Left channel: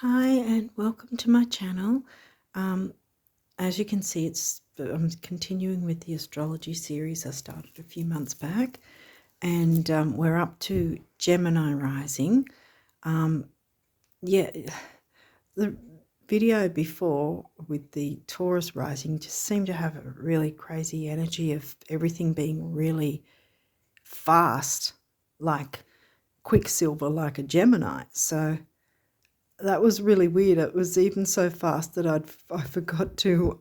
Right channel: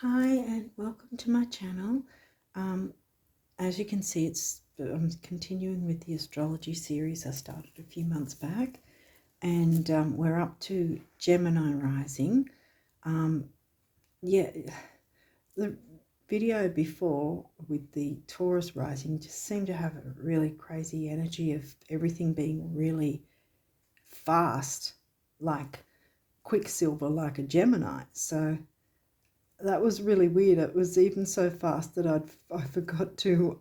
Hi and welcome to my channel. As you can see, I'm continuing with the astrology series I started a few months back, and we're up to Gemini rising. Yeah, the video before with the Taurus rising just seemed to have a really crazy energy of everything being really fast, like quicksilver, like a Gemini. So that was really weird. It was even so fast that I forgot to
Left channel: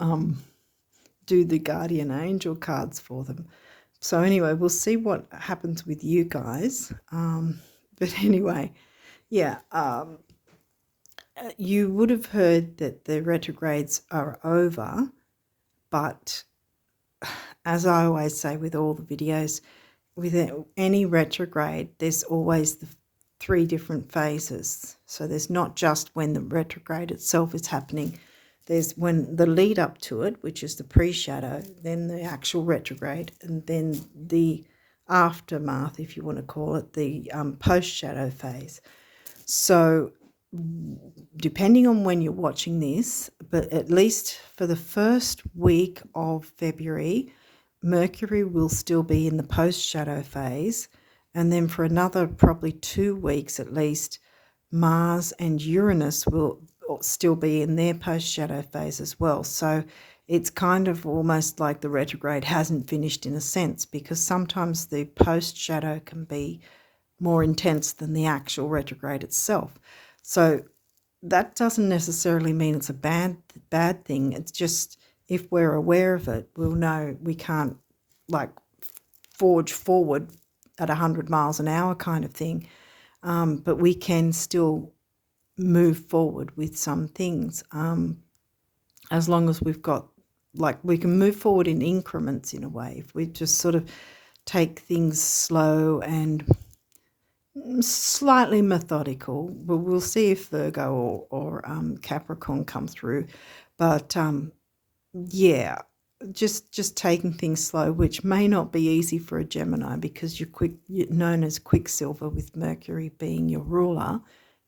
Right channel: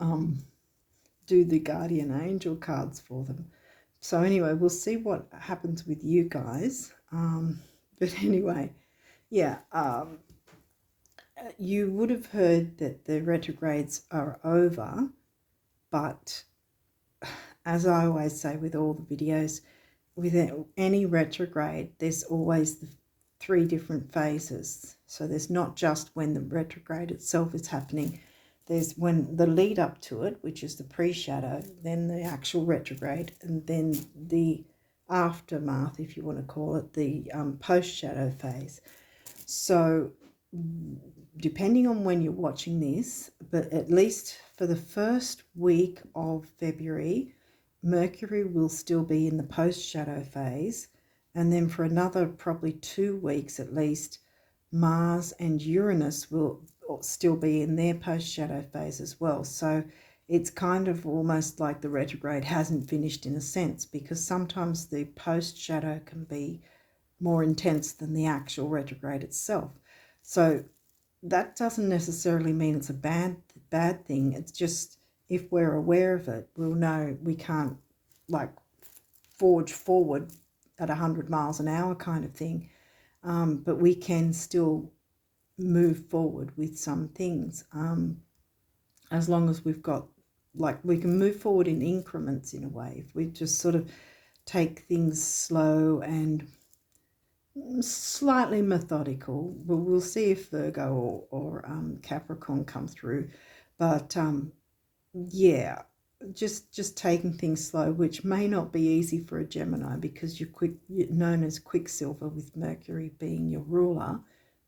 do the guardian angel cards for them. So anyway, we'll see what happens with you guys. But anyway, yeah, you would have heard that the retrogrades are over, but as I always say with all the videos, with any retrograde, there's always the three different phases. So there's not just when the retrograde itself is happening. There's when the lead up to it, which is the pre-shadow, then the actual retrograde, and then the aftermath, if you want to call it, the post-shadow phase. So depending on when you're watching this, but at least for the first week of February, Mercury will still be in the post-shadow phase, and then for another probably 2 weeks at least, Mars and Uranus will still be in their post-shadow phase as well. So it's kind of almost like the retrograde hasn't finished in a sense, because sometimes the post-shadow can be more intense than the actual retrograde itself. So that doesn't necessarily mean it's a bad thing. It's just if we're aware of it, we'll know we can't like forge forward at 100 miles an hour kind of thing. But we can still move forward with some things as long as we've got, like, we can move forward in increments in a way. If we just sort of take things slow and slightly methodical. We'll see if Virgo or Capricorn come through. But yeah, just taking things slow, which may not be easy for a Gemini because you're known as Quicksilver with Mercury being your ruler.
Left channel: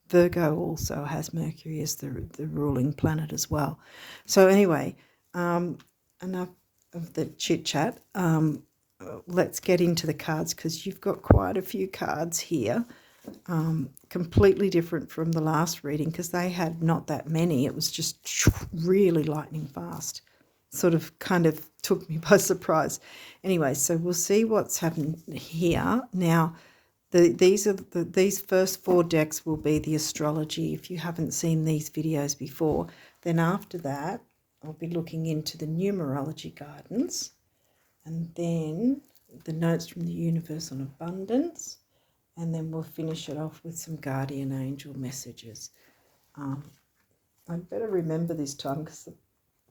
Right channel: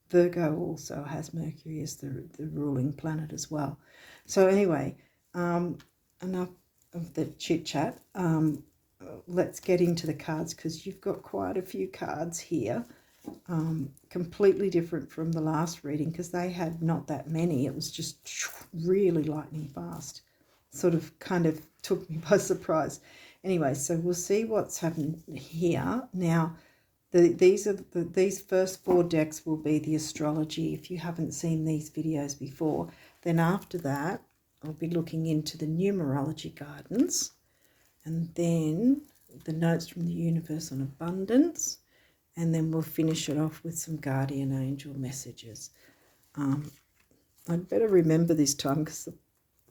Virgo also has Mercury as the ruling planet as well. So anyway, enough of the chit chat. Let's get into the cards, because you've got quite a few cards here, completely different from the last reading because they had not that many. It was just really lightning fast. Sort of kind of took me by surprise. Anyway, so we'll see what's happened here. Now, these first 4 decks will be the astrology. If you haven't seen these videos before, then after that, I'll be looking into the numerology guidance, and then the notes from the universe on abundance, and then we'll finish it off with some guardian angel messages. I'd better remember this time because the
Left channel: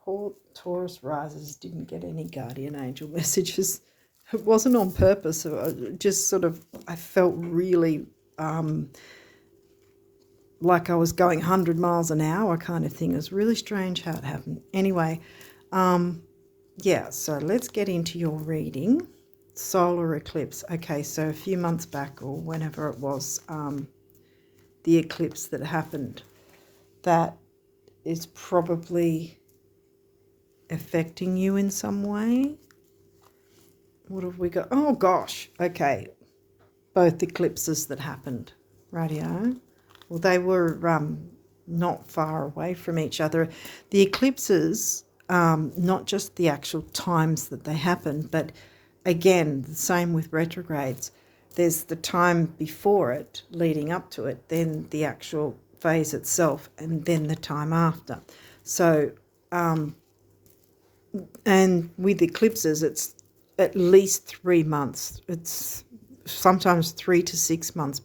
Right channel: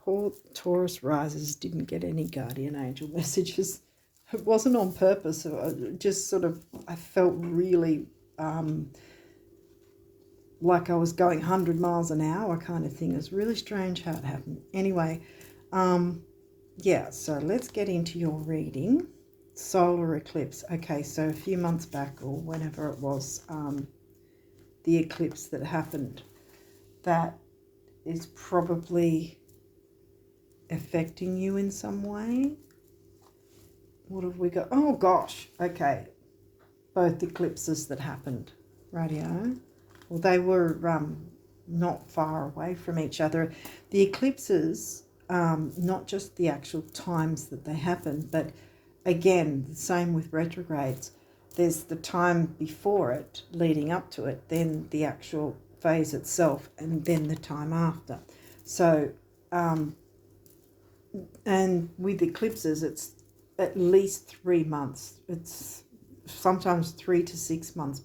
poor Taurus risers didn't get any guardian angel messages. It wasn't on purpose. Just sort of, I felt really like I was going 100 miles an hour kind of thing. It was really strange how it happened. Anyway, yeah, so let's get into your reading. Solar eclipse. Okay, so a few months back, or whenever it was, the eclipse that happened, that is probably affecting you in some way. What have we got? Oh gosh, okay. Both eclipses that happened. Radio. Well, they were not far away from each other. The eclipses, not just the actual times that they happened, but again, the same with retrogrades. There's the time before it, leading up to it, then the actual phase itself, and then the time after. So, and with eclipses, it's at least 3 months. It's sometimes 3 to 6 months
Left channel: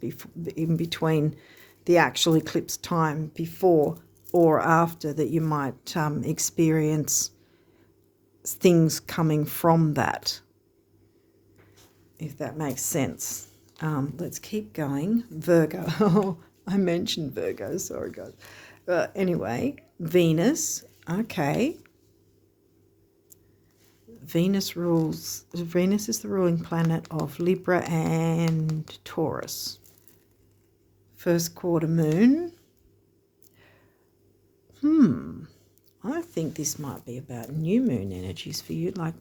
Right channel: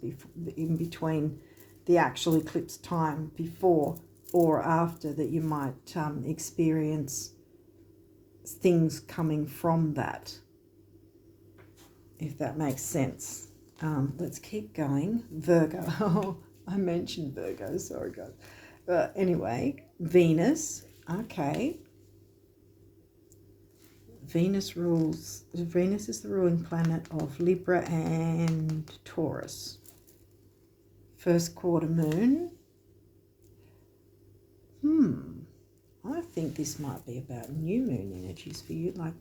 in between the actual eclipse time, before or after, that you might experience things coming from that, if that makes sense. Let's keep going. Virgo. Oh, I mentioned Virgo. Sorry, guys. Anyway, Venus. Okay. Venus is the ruling planet of Libra and Taurus. First quarter moon. I think this might be about new moon energies for you, like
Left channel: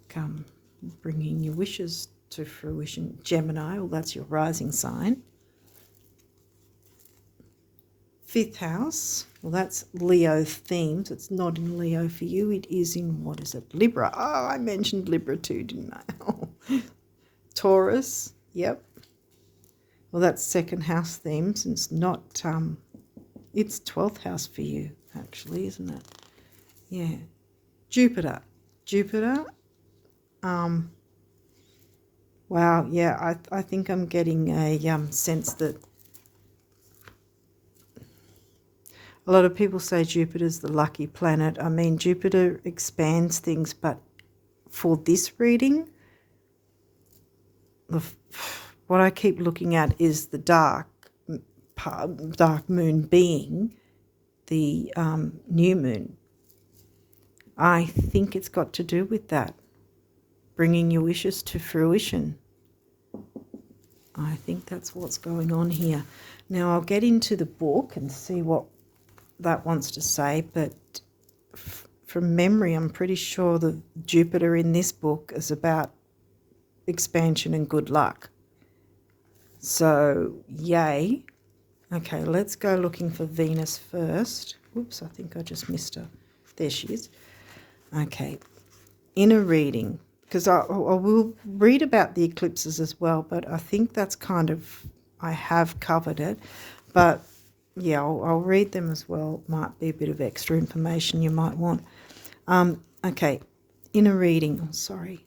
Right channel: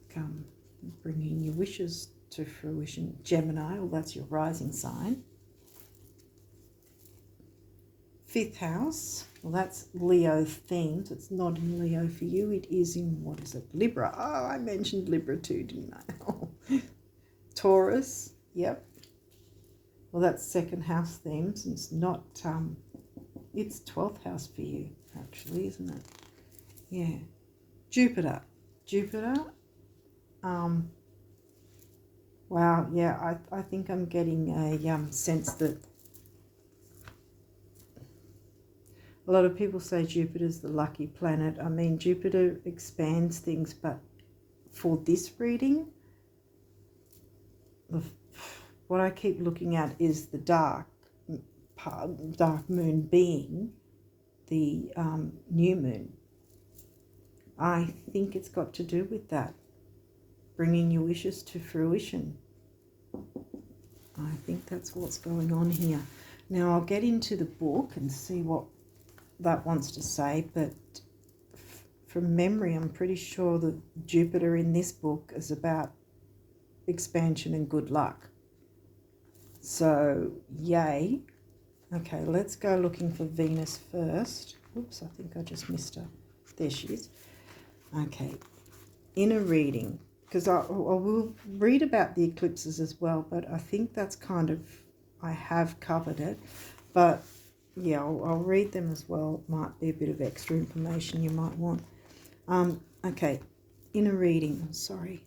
bringing your wishes to fruition. Gemini, well, that's your rising sign. 5th house, well, that's Leo themes. It's not in Leo for you. It is in, what is it, Libra. Oh, I mentioned Libra too, didn't I? Taurus, yep. Well, that's 2nd house themes. It's not, it's 12th house for you, actually, isn't it? Yeah. Jupiter. Wow, yeah, I think I'm getting a sense that a lot of people say Jupiter's the lucky planet. I mean, Jupiter expands things, but for this reading, what I keep looking at is the dark moon being the new moon. I think it's got to do with that, bringing your wishes to fruition. I think that's what's going on here. Now, I'll get into the book and see what that wants to say, but from memory, I'm pretty sure the Jupiter in this book is about expansion and good luck. So, yay. Okay, let's go looking for Venus first. Oops, I think I just missed her. There she is. Okay, inner reading, because I will read about the eclipses as well, but I think that's kind of, I have covered it, but yeah, I'll read them as well. Might be a bit of extra information you might want. Okay, inner reading, sorry.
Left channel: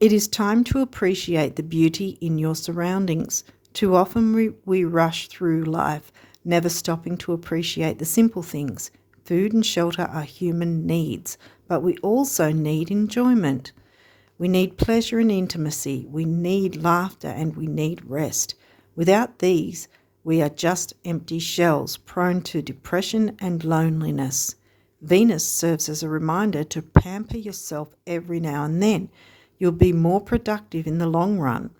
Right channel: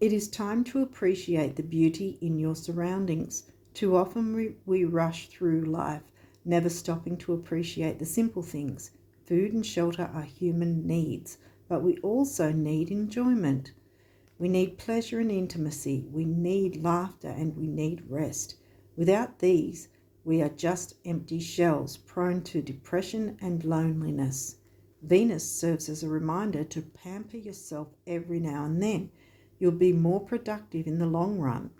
It is time to appreciate the beauty in your surroundings. Too often we rush through life, never stopping to appreciate the simple things. Food and shelter are human needs, but we also need enjoyment. We need pleasure and intimacy. We need laughter and we need rest. Without these, we are just empty shells, prone to depression and loneliness. Venus serves as a reminder to pamper yourself every now and then. You'll be more productive in the long run.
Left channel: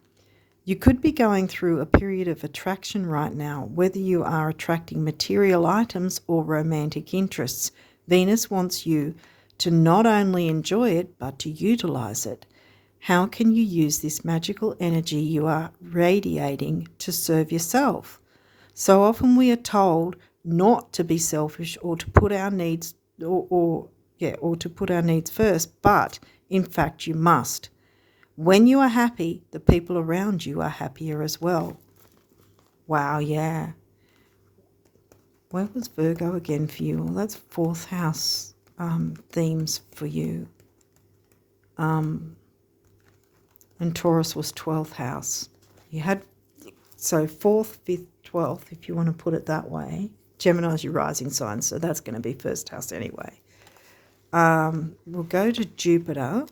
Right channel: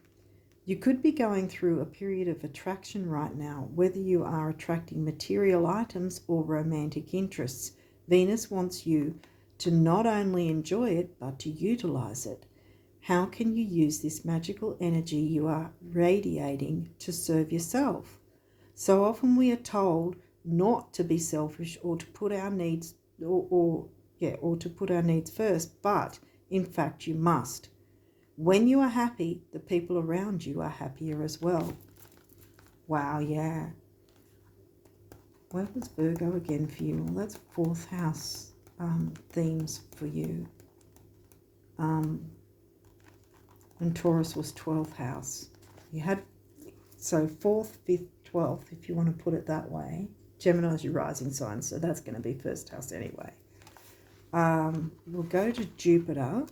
You could be going through a period of attraction right now, whether you are attracting material items or romantic interests. Venus wants you to not only enjoy it, but to utilize it. How can you use this magical energy you are radiating to serve yourself? So often we are told not to be selfish or to put our needs or to put our needs first, but in fact you must. When you are happy, the people around you are happier as well. Wow, yeah. Where was Virgo again for you? Well, that's 4th house themes for you. And Taurus was 12th house. You had, so 4th, 5th, 12th, if you want to put it that way. Gemini's your rising sign, so that's going to be 1st house anyway. We'll go to Jupiter.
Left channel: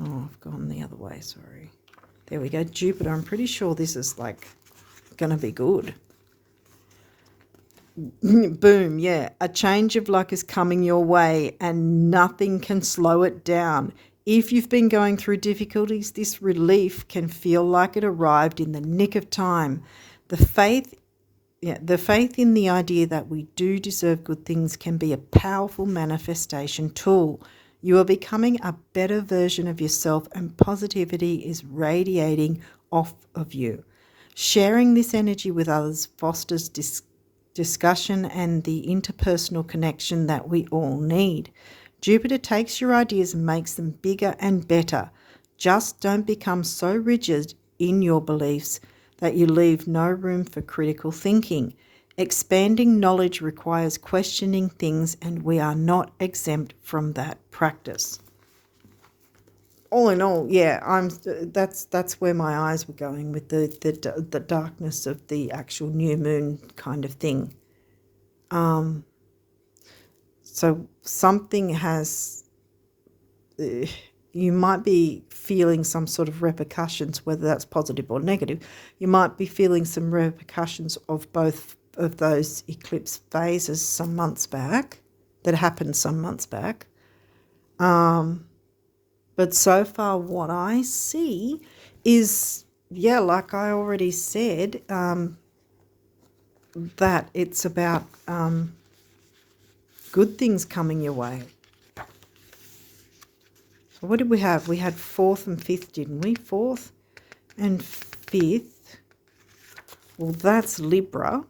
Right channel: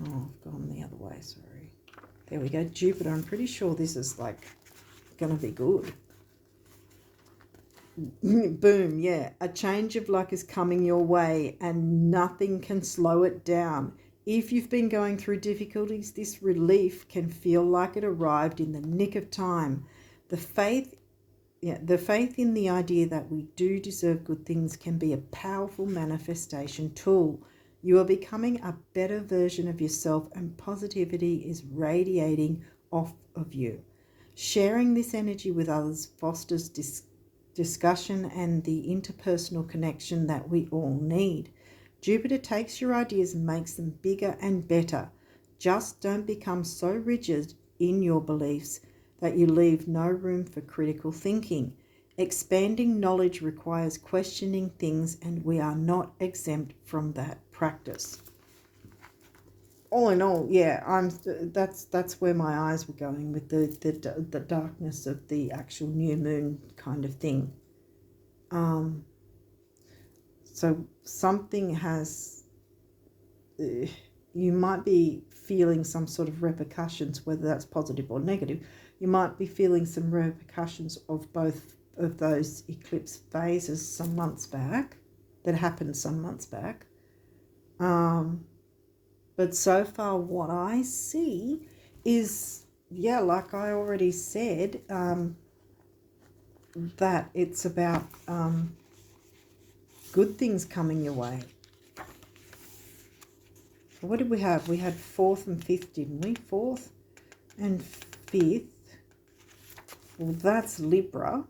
Oh, I've gone the other way, sorry. There we go, Jupiter. I'm pretty sure this is like going to be good. Boom, yeah. A change of luck is coming your way and nothing can slow it down. If you've been going through difficulties, this relief can feel like it arrived in the nick of time. The faith in the idea that we do deserve good things can be a powerful manifestation tool. You are becoming a better version of yourself and positivity is radiating off of you. Sharing this energy with others fosters discussion and the interpersonal connection that we all need. Jupiter takes your ideas and makes them bigger and better. Just don't become so rigid in your beliefs that you leave no room for critical thinking. Expanding knowledge requires questioning things, and we are not exempt from that practice. All in all, yeah, that's where my eyes were going with the darkness of the actual new moon kind of thing. So something has, you might be feeling some sort of repercussions, whether that's positive or negative. You might be feeling some repercussions of both of those eclipse phases some months back, that happened some months back. But so far what I see is, yeah, like I already said, that it's about good things coming your way. So what did we have? We had 4th and 5th, didn't we? 4th and 5th. Well, that's Libra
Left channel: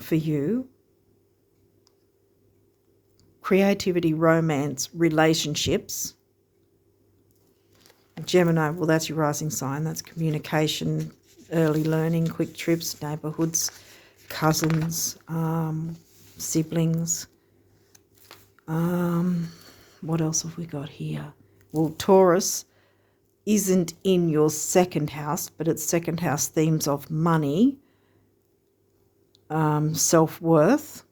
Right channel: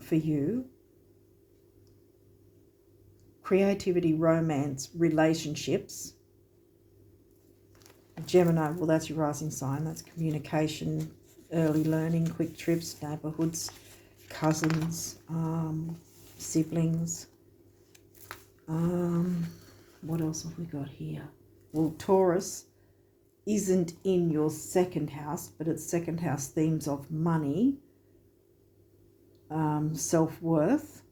for you. Creativity, romance, relationships. Gemini, well, that's your rising sign. That's communication, early learning, quick trips, neighbourhoods, cousins, siblings. What else have we got here? Well, Taurus isn't in your 2nd house, but it's 2nd house themes of money, self-worth.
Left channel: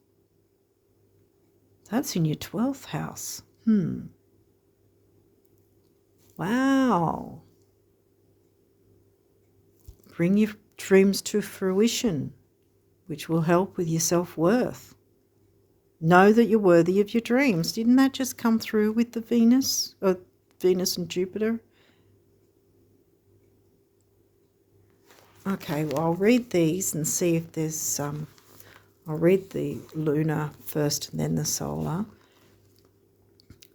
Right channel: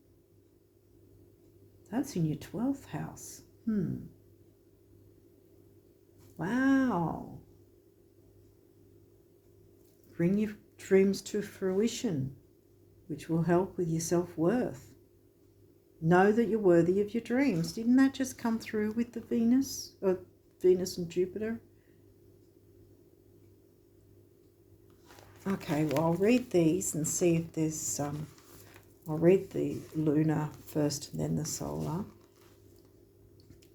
That's in your 12th house. Wow. Bring your dreams to fruition, which will help with your self-worth. Know that you're worthy of your dreams. Didn't that just come through with the Venus and Jupiter? Okay, well, I'll read these and see if there's I'll read the lunar first and then the solar.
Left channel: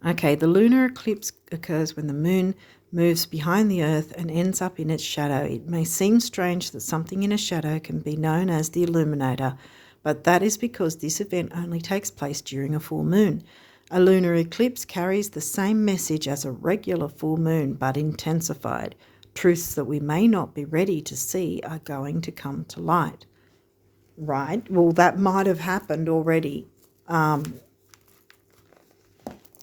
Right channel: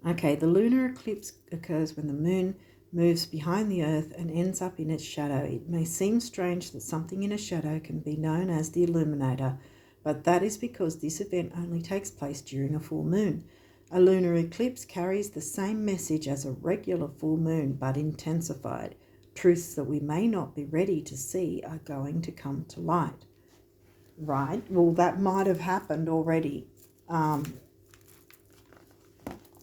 Okay, the lunar eclipse occurs when the moon moves behind the earth and ends up in its shadow. It may seem strange that something in a shadow can be known as the illuminator, but that is because this event only takes place during a full moon. A lunar eclipse carries the same message as a regular full moon, but intensified. Truths that we may not be ready to see are going to come to light. Right, well, that might have happened already,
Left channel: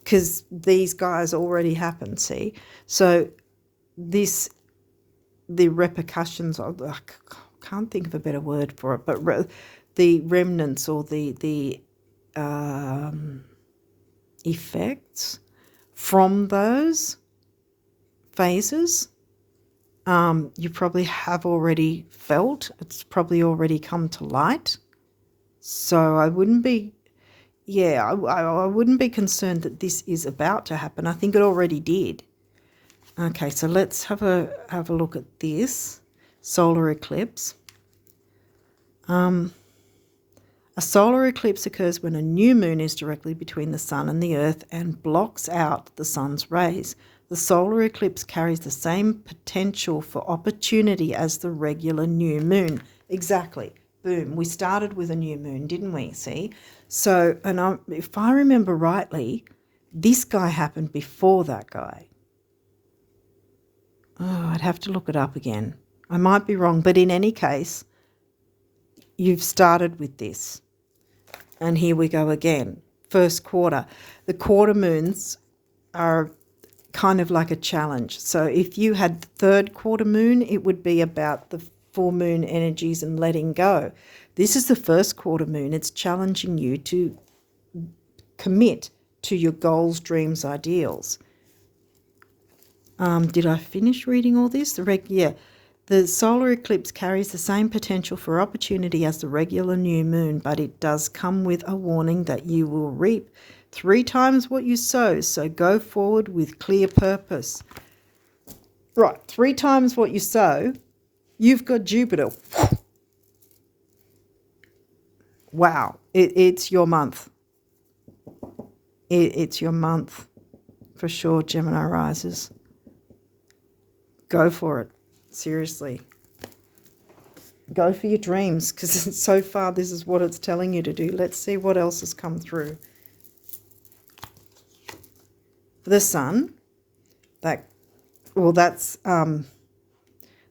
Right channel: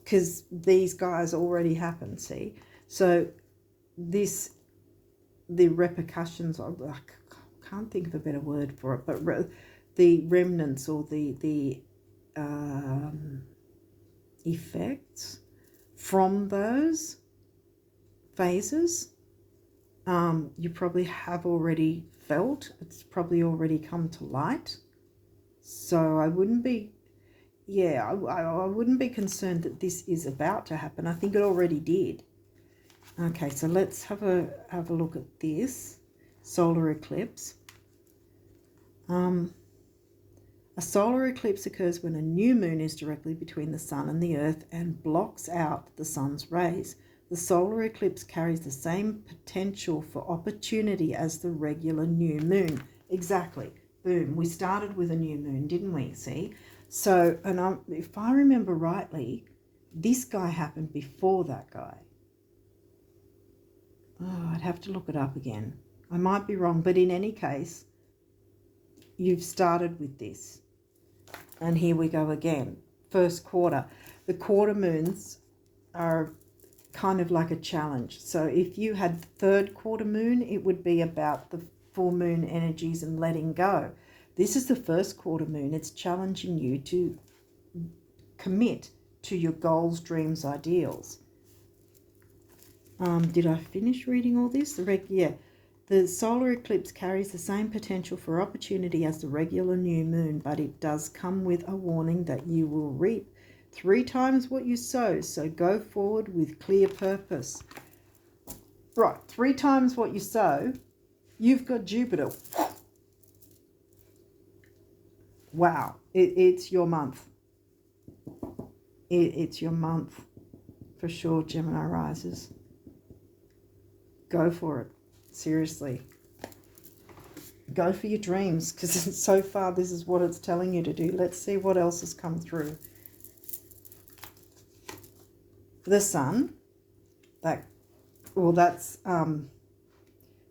because these guys already happened, see? So the repercussions of, I can't think of a better word for it, but the remnants or the effects from those phases, you probably have already felt. It's probably already come to light. So I wouldn't be, I wouldn't be concerned that this is about to happen. I think it already did. Okay, so let's have a look at this solar eclipse. A solar eclipse occurs when a new moon is directly between the sun and the earth and blocks out the sun's rays. The solar eclipse carries the same potential for opportunity as the regular new moon. Exactly. Boom. We started with a new moon, didn't we? See? So, and if I remember rightly, this guy happened before that guy. Oh, I'd have to look it up again. I might be wrong, but in any case, you've started with this. And here we go again. First quarter. The quarter moons are kind of like a challenge. So if you had the 3rd quarter moon, it would be about the full moon energies and letting go. This is the 1st quarter moon. It's challenging you to commit to your goals, dreams, ideals. Did I finish reading all this? The solar eclipse carries the same potential for opportunity as the regular new moon, but it does come with a warning that you will reap 3 times what you sow, so go forward with clear purpose. Right, 3 times what you sow, you've got Jupiter. Wow, it's your month. It's your month for sure, Gemini risers. Go for it. Seriously. Go for your dreams, because so far this is what it's telling you to do. Let's see what else has come through. The sun, that's the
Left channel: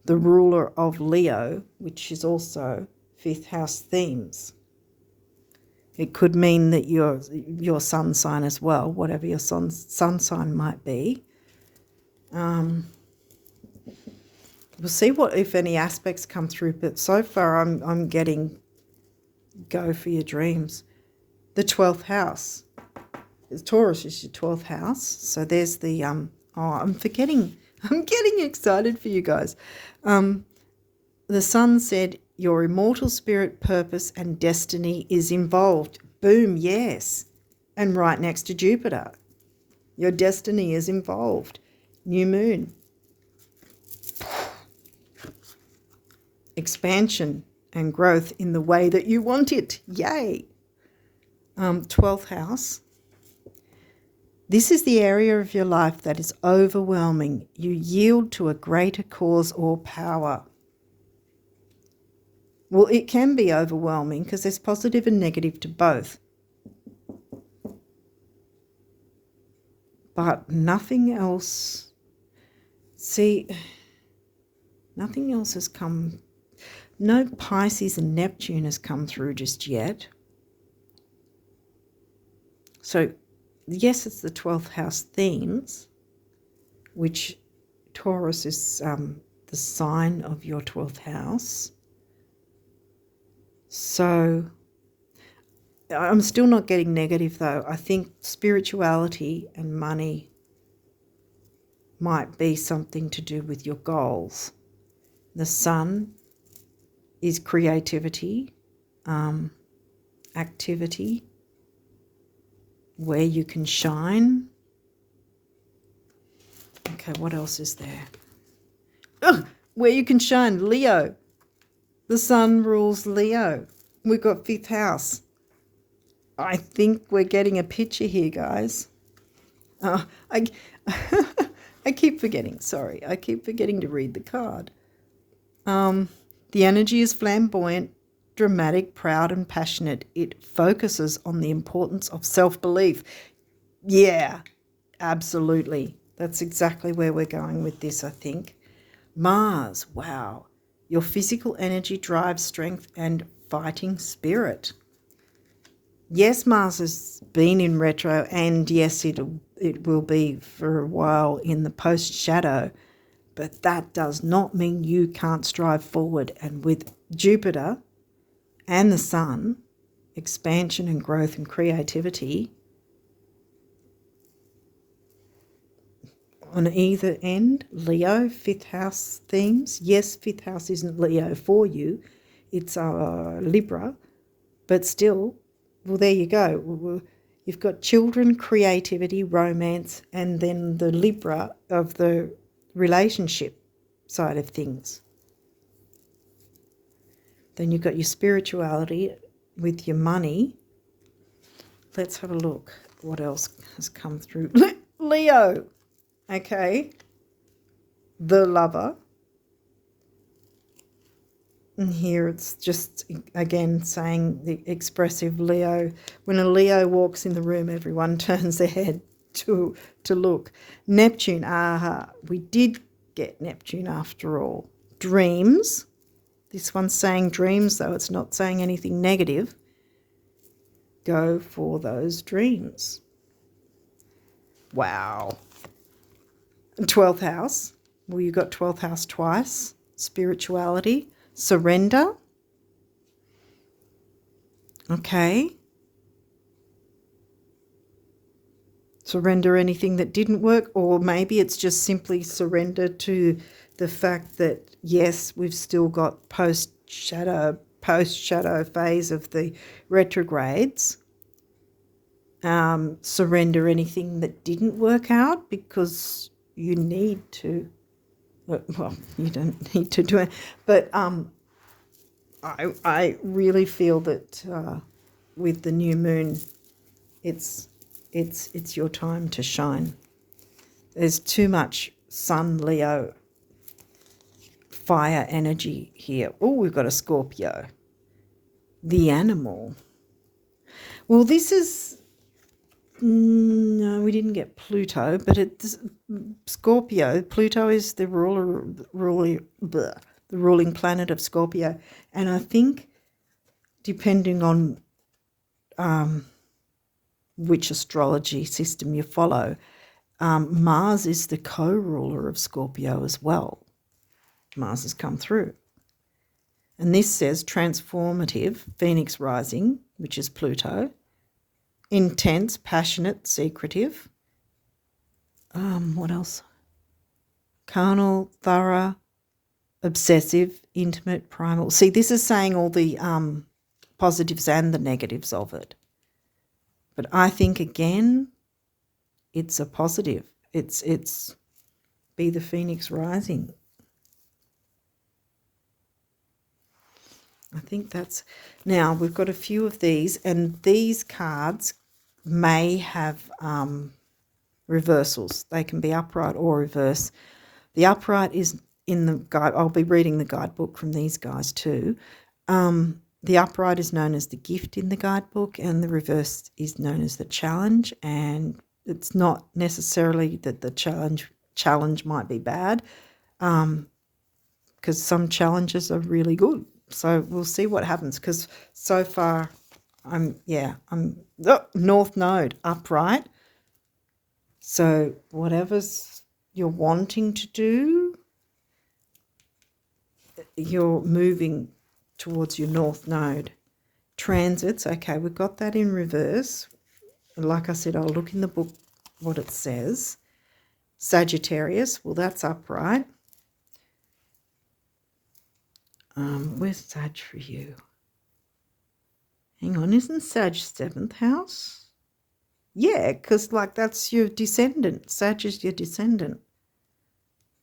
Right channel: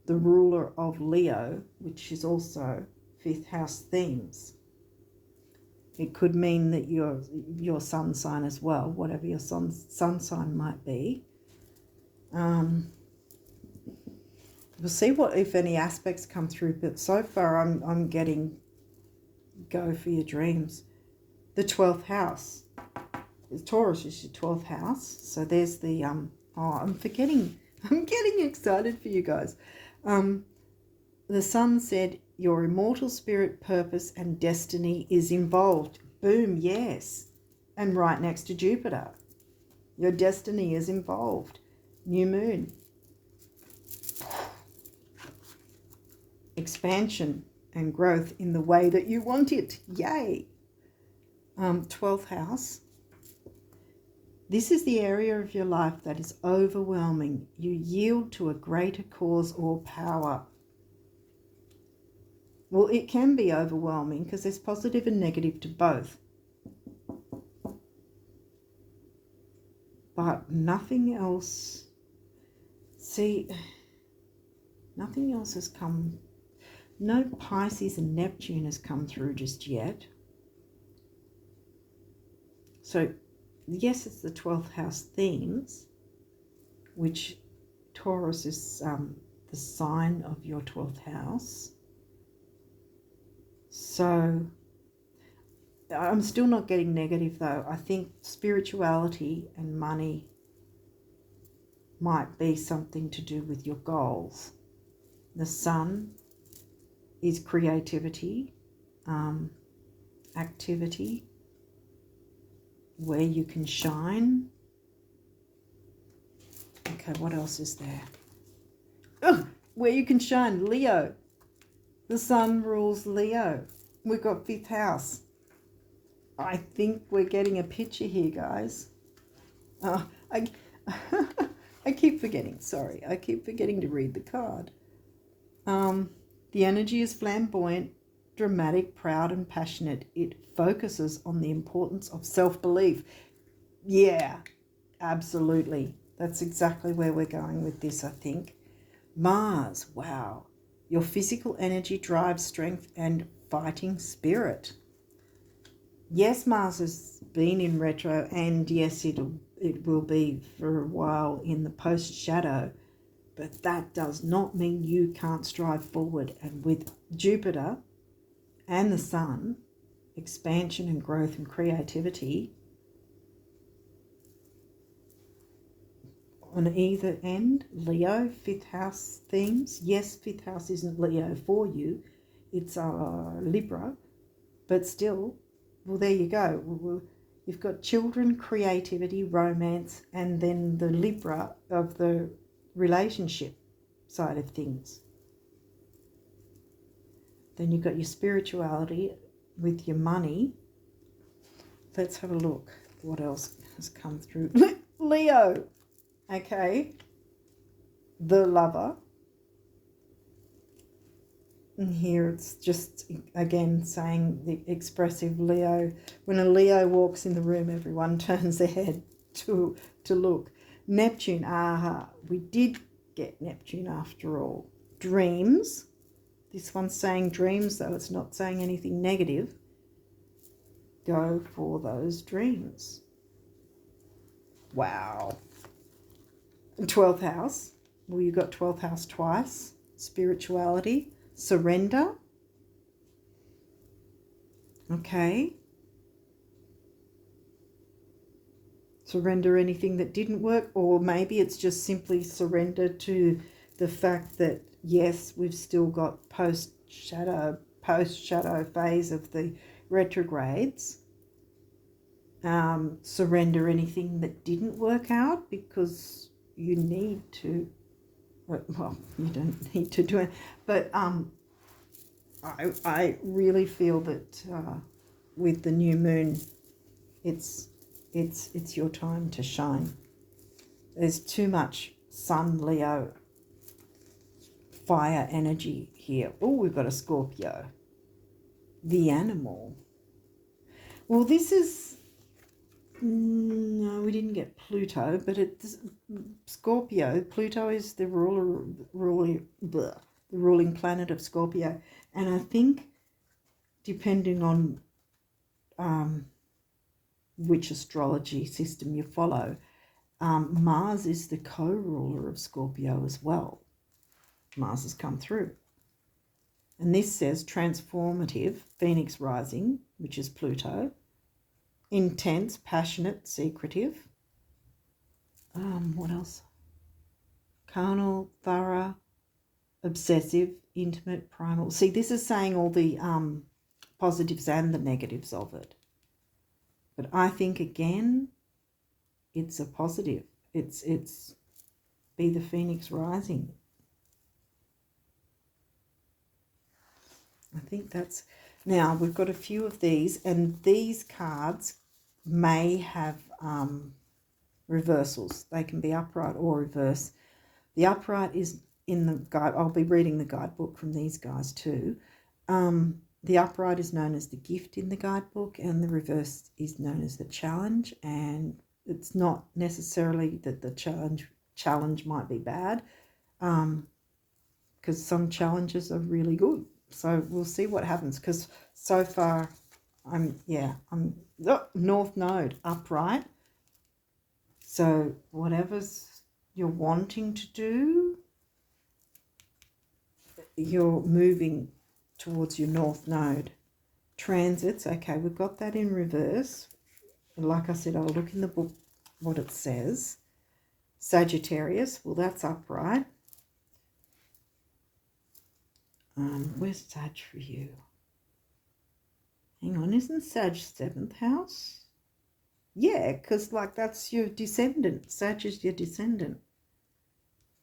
ruler of Leo, which is also 5th house themes. It could mean that your sun sign as well, whatever your sun sign might be. We'll see what, if any aspects come through, but so far I'm getting go for your dreams. The 12th house. Taurus is your 12th house. So there's the I'm getting excited for you guys. The sun said your immortal spirit, purpose and destiny is involved. Boom, yes. And right next to Jupiter. Your destiny is involved. New moon. expansion and growth in the way that you want it. Yay! 12th house. This is the area of your life that is overwhelming. You yield to a greater cause or power. Well, it can be overwhelming because there's positive and negative to both. But nothing else. See, nothing else has come. No Pisces and Neptune has come through just yet. So, yes, it's the 12th house themes, which Taurus is the sign of your 12th house. So, I'm still not getting negative though. I think spirituality and money might be something to do with your goals. The sun is creativity, activity, where you can shine. Okay, what else is there? Ugh, where you can shine, Leo. The sun rules Leo. We've got 5th house. I think we're getting a picture here, guys. I keep forgetting. Sorry, I keep forgetting to read the card. The energy is flamboyant, dramatic, proud, and passionate. It focuses on the importance of self-belief. Yeah, absolutely. That's exactly where we're going with this, I think. Mars, wow. Your physical energy drives strength and fighting spirit. Yes, Mars has been in retro, and yes, it will be for a while in the post-shadow, but that does not mean you can't strive forward. And with Jupiter and the sun, expansion and growth and creativity on either end, Leo, 5th house themes. Yes, 5th house isn't Leo for you. It's Libra, but still, well, there you go. You've got children, creativity, romance, and then the Libra of the relationship side of things. Then you've got your spirituality with your money. Let's have a look. What else has come through? Leo. Okay. The lover. And here it's just, again, saying the expressive Leo. When a Leo walks in the room, everyone turns their head to look. Neptune, we did get Neptune after all. Dreams. This one's saying dreams, though it's not saying anything negative. Go for those dreams. Wow. 12th house. Well, you got 12th house twice. Spirituality. Surrender. Okay. Surrender anything that didn't work, or maybe it's just simply surrender to the fact that, yes, we've still got post-shadow phase of the retrogrades. Surrender anything that didn't work out because you need to. Well, you don't need to do it, but I really feel that with the new moon, it's your time to shine. There's too much Sun, Leo, fire energy here. Oh, we've got a Scorpio. The animal. Well, this is... No, we didn't get Pluto, but it's Scorpio. Pluto is the ruling planet of Scorpio. And I think, depending on which astrology system you follow, Mars is the co-ruler of Scorpio as well. Mars has come through. And this says transformative, Phoenix rising, which is Pluto. Intense, passionate, secretive. What else? Carnal, thorough, obsessive, intimate, primal. See, this is saying all the positives and the negatives of it. But I think, again, it's a positive. It's be the Phoenix rising. I think that's... Now, we've got a few of these, and these cards may have reversals. They can be upright or reverse. The upright is in the guide. I'll be reading the guidebook from these guys too. The upright is known as the gift in the guidebook, and the reverse is known as the challenge. And it's not necessarily that the challenge might be bad, because some challenges are really good. So we'll see what happens, because so far I'm North Node upright. So whatever's you're wanting to do, you're moving towards your North Node. Transits, okay, we've got that in reverse. Like I said, I'll look in the book what it says. Sagittarius, well, that's upright. Where's Sag for you? Hang on, isn't Sag 7th house? Yeah, because like that's your descendant. Sag is your descendant.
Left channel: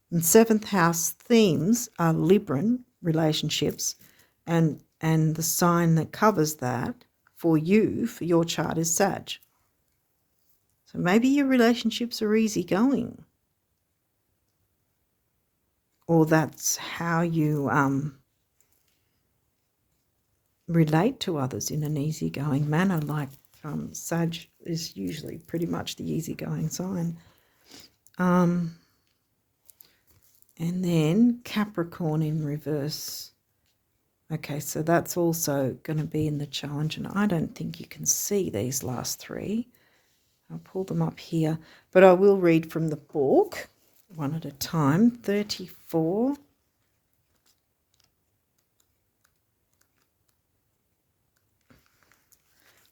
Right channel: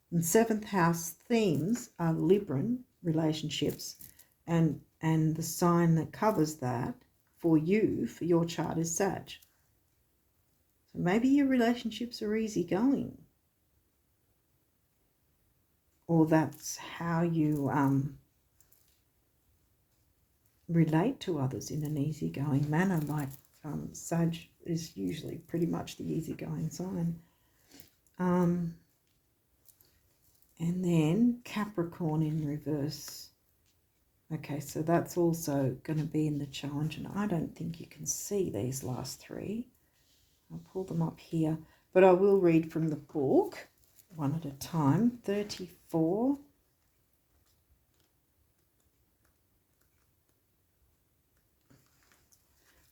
And 7th house themes are Libran relationships, and the sign that covers that for you, for your chart, is Sag. So maybe your relationships are easygoing, or that's how you relate to others in an easygoing manner. Like Sag is usually pretty much the easygoing sign. And then Capricorn in reverse. Okay, so that's also going to be in the challenge, and I don't think you can see these last three. I'll pull them up here, but I will read from the book one at a time. 34.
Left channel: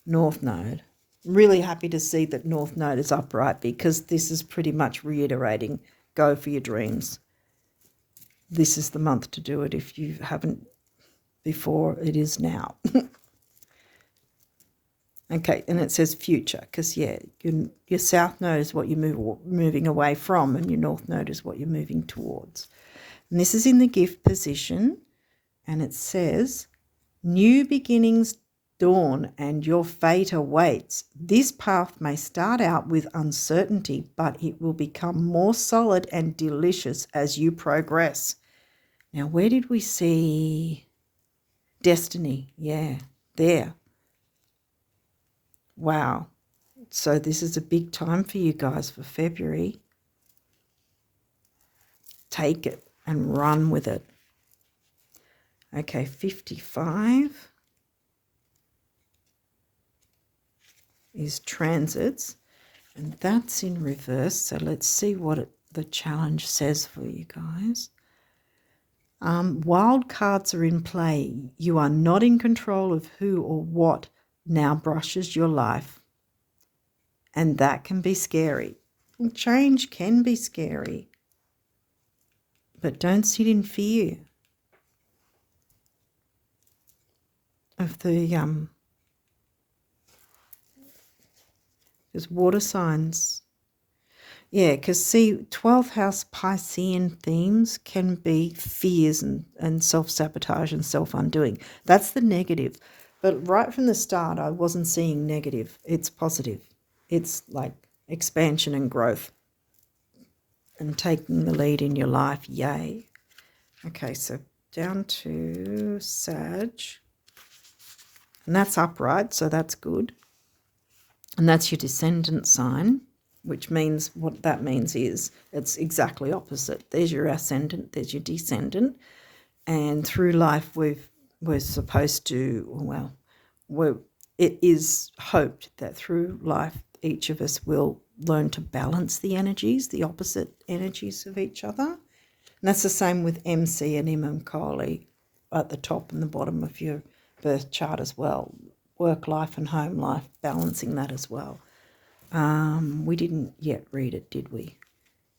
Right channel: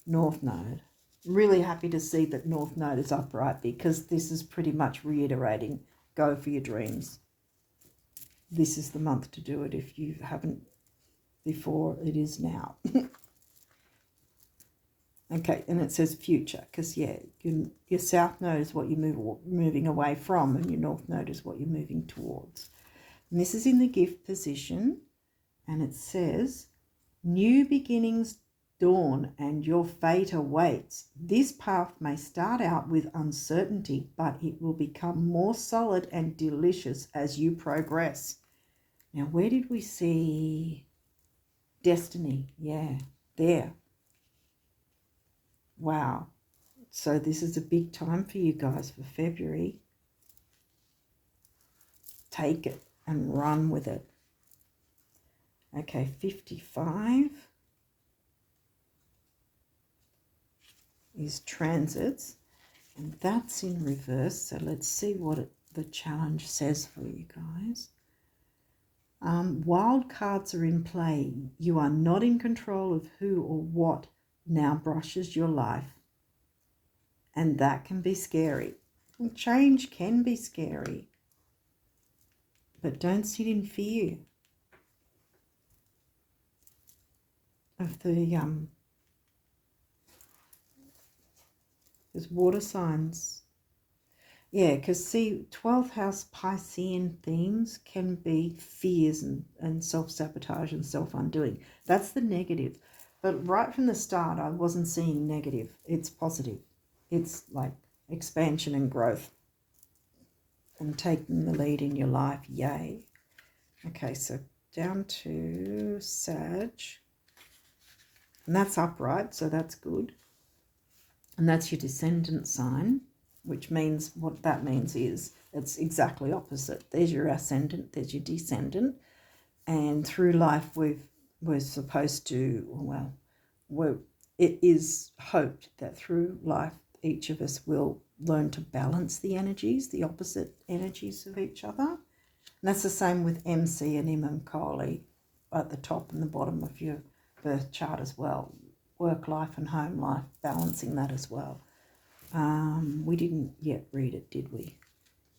North Node. Really happy to see that North Node is upright, because this is pretty much reiterating, go for your dreams. This is the month to do it. If you haven't before, it is now. Okay, and it says future, because, yeah, your South Node is what you're moving away from, and your North Node is what you're moving towards. And this is in the gift position, and it says, new beginnings dawn and your fate awaits. This path may start out with uncertainty, but it will become more solid and delicious as you progress. Now, where did we see destiny? Yeah, there. Wow. So this is a big time for you guys for February. Take it and run with it. Okay, 55 is transits, and that's in reverse. So let's see what the challenge says for you guys. Wild cards are in play. You are not in control of who or what now brushes your life, and that can be scary. Change can be scary, but don't sit in fear of the there's water signs. Yeah, because see, 12th house Piscean themes can be fears and self-sabotage and self-undoing. That's the negative. But right from the start, I wasn't seeing negative. It's positive. It's like expansion and growth and taking the lead in your life. Yay. Okay, so down to Sag. And that's upright, so that's good. And that's your descendant sign, which means what that means is it's exactly opposite. There's your ascendant, there's your descendant. And through life, we're supposed to, well, it is hoped that through life, each of us will learn to balance the energies, the opposite energies of each other. And that's the same with MC and Imam Kali at the top and the bottom of your birth chart as well. Work life and home life, balancing that as well. We didn't yet read it, did we?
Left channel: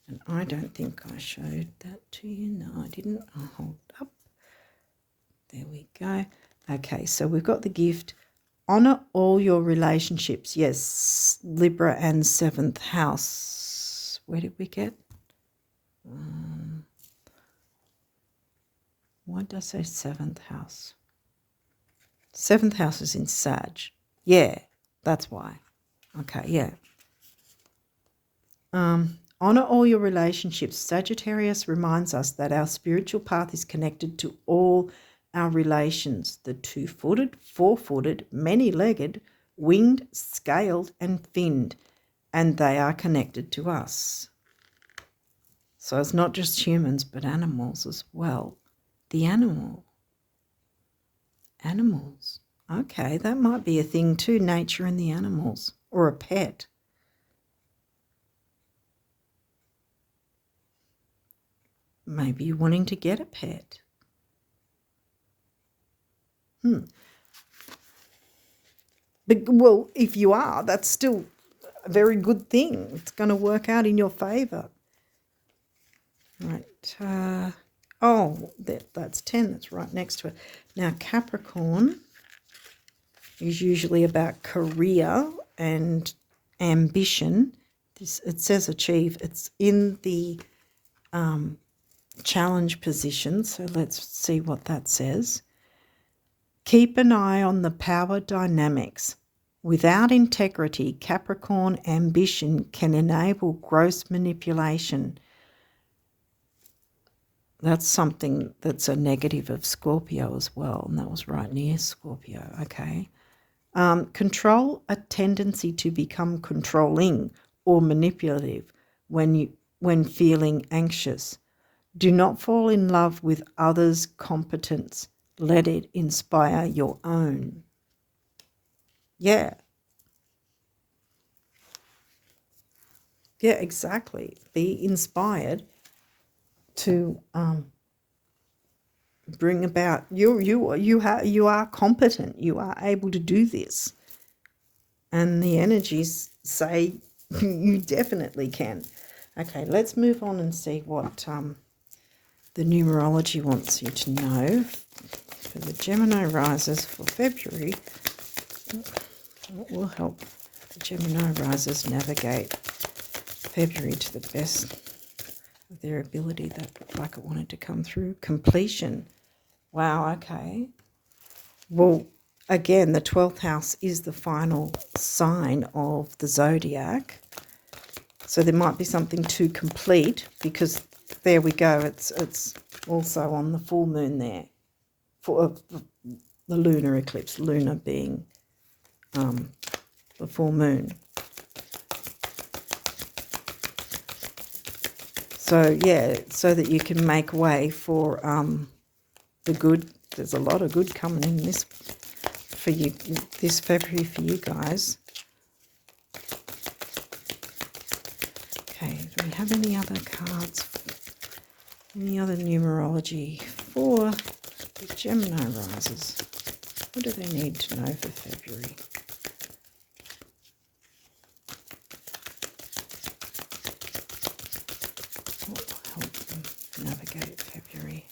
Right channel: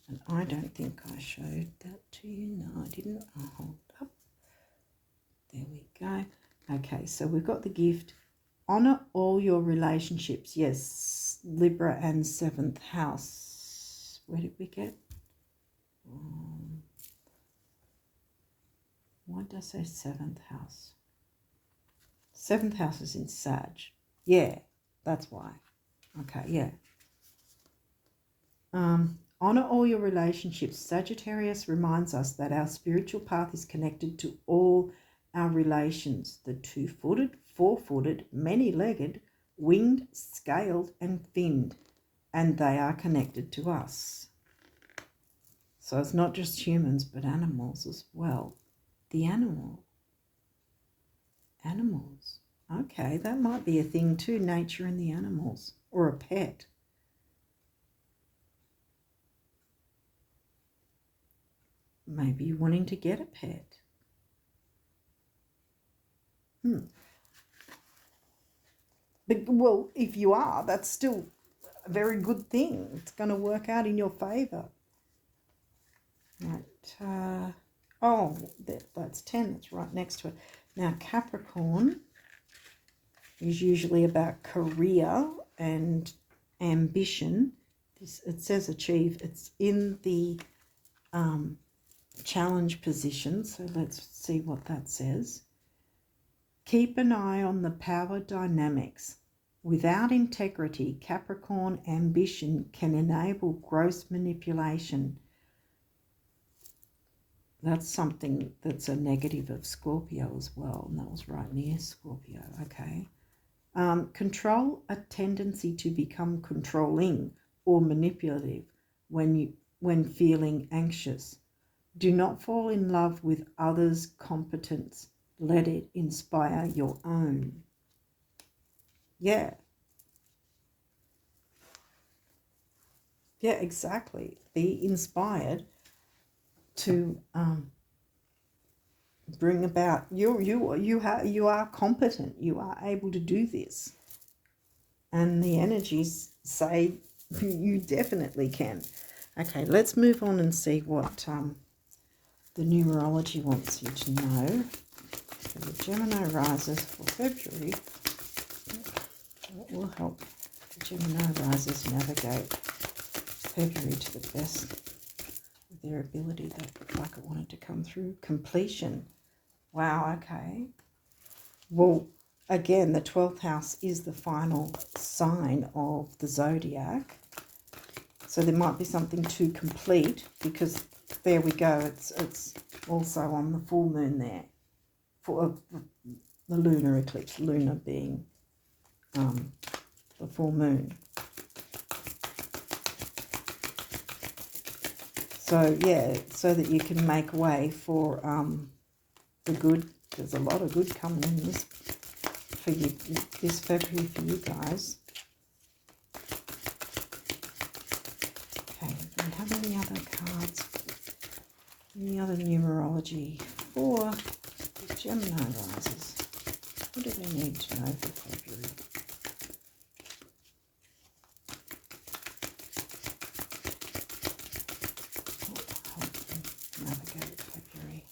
And I don't think I showed that to you. No, I didn't. I'll hold up. There we go. Okay, so we've got the gift. Honour all your relationships. Yes, Libra and 7th house. Where did we get? Why did I say 7th house? 7th house is in Sag. Yeah, that's why. Okay, yeah. Honor all your relationships. Sagittarius reminds us that our spiritual path is connected to all our relations, the 2-footed, 4-footed, many-legged, winged, scaled, and finned, and they are connected to us. So it's not just humans, but animals as well. The animals. Okay, that might be a thing too, nature and the animals, or a pet. Maybe you're wanting to get a pet. But, well, if you are, that's still a very good thing. It's going to work out in your favour. Right. That's 10. That's right next to it. Now, Capricorn is usually about career and ambition. It says achieve. It's in the challenge position. So let's see what that says. Keep an eye on the power dynamics. Without integrity, Capricorn ambition can enable gross manipulation. That's something that's a negative of Scorpio as well, and that was right near Scorpio. Okay. Control a tendency to become controlling or manipulative when feeling anxious. Do not fall in love with others' competence. Let it inspire your own. Yeah. Yeah, exactly. Be inspired to bring about you are competent. You are able to do this. And the energies say you definitely can. Okay, let's move on and see what the numerology wants you to know for the Gemini risers for February. What will help the Gemini risers navigate February to the best of their ability? That looked like it wanted to come through. Completion. Wow, okay. Well, again, the 12th house is the final sign of the zodiac. So there might be something to complete, because there we go. It's also on the full moon there for the lunar eclipse, lunar being the full moon. So, yeah, so that you can make way for the good. There's a lot of good coming in this for you this February for you guys. Okay, do we have any other cards? Any other numerology for the Gemini risers? What do they need to know for February? What will help them navigate February?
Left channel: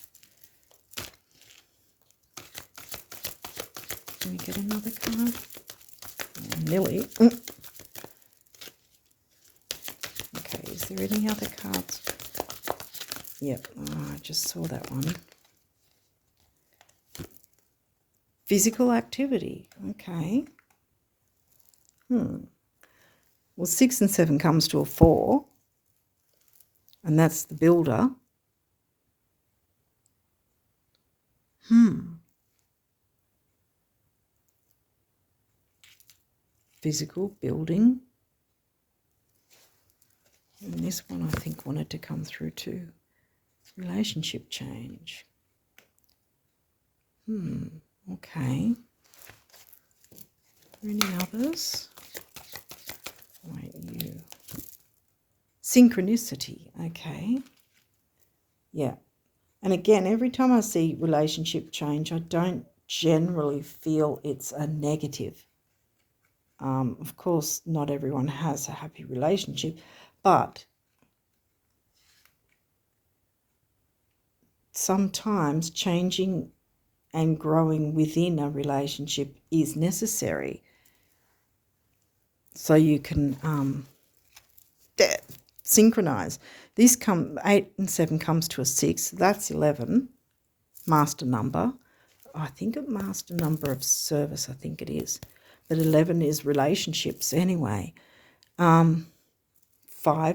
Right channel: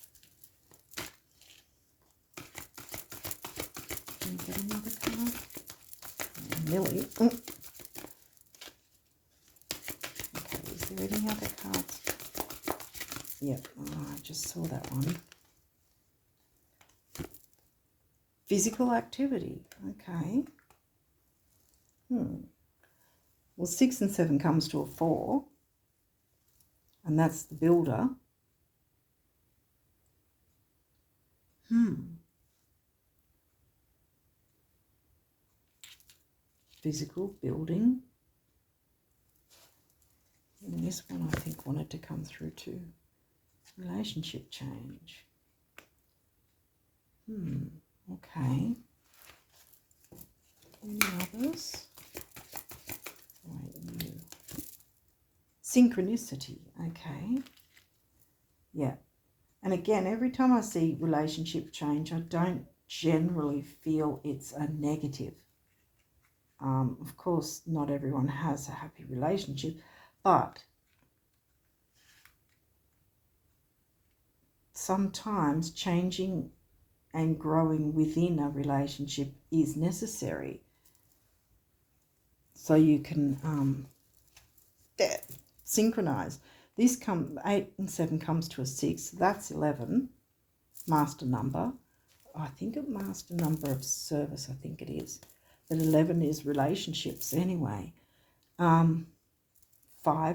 Can we get another card? Nearly. Okay, is there any other cards? Yep, I just saw that one. Physical activity. Okay. Well, 6 and 7 comes to a 4, and that's the builder. Physical building. And this one I think wanted to come through too. Relationship change. Okay. Any others? Wait, you. Synchronicity. Okay. Yeah. And again, every time I see relationship change, I don't generally feel it's a negative. Of course, not everyone has a happy relationship, but sometimes changing and growing within a relationship is necessary. So you can synchronize. This 8 and 7 comes to a 6. That's 11, master number. I think it master number of service, I think it is. But 11 is relationships anyway. 5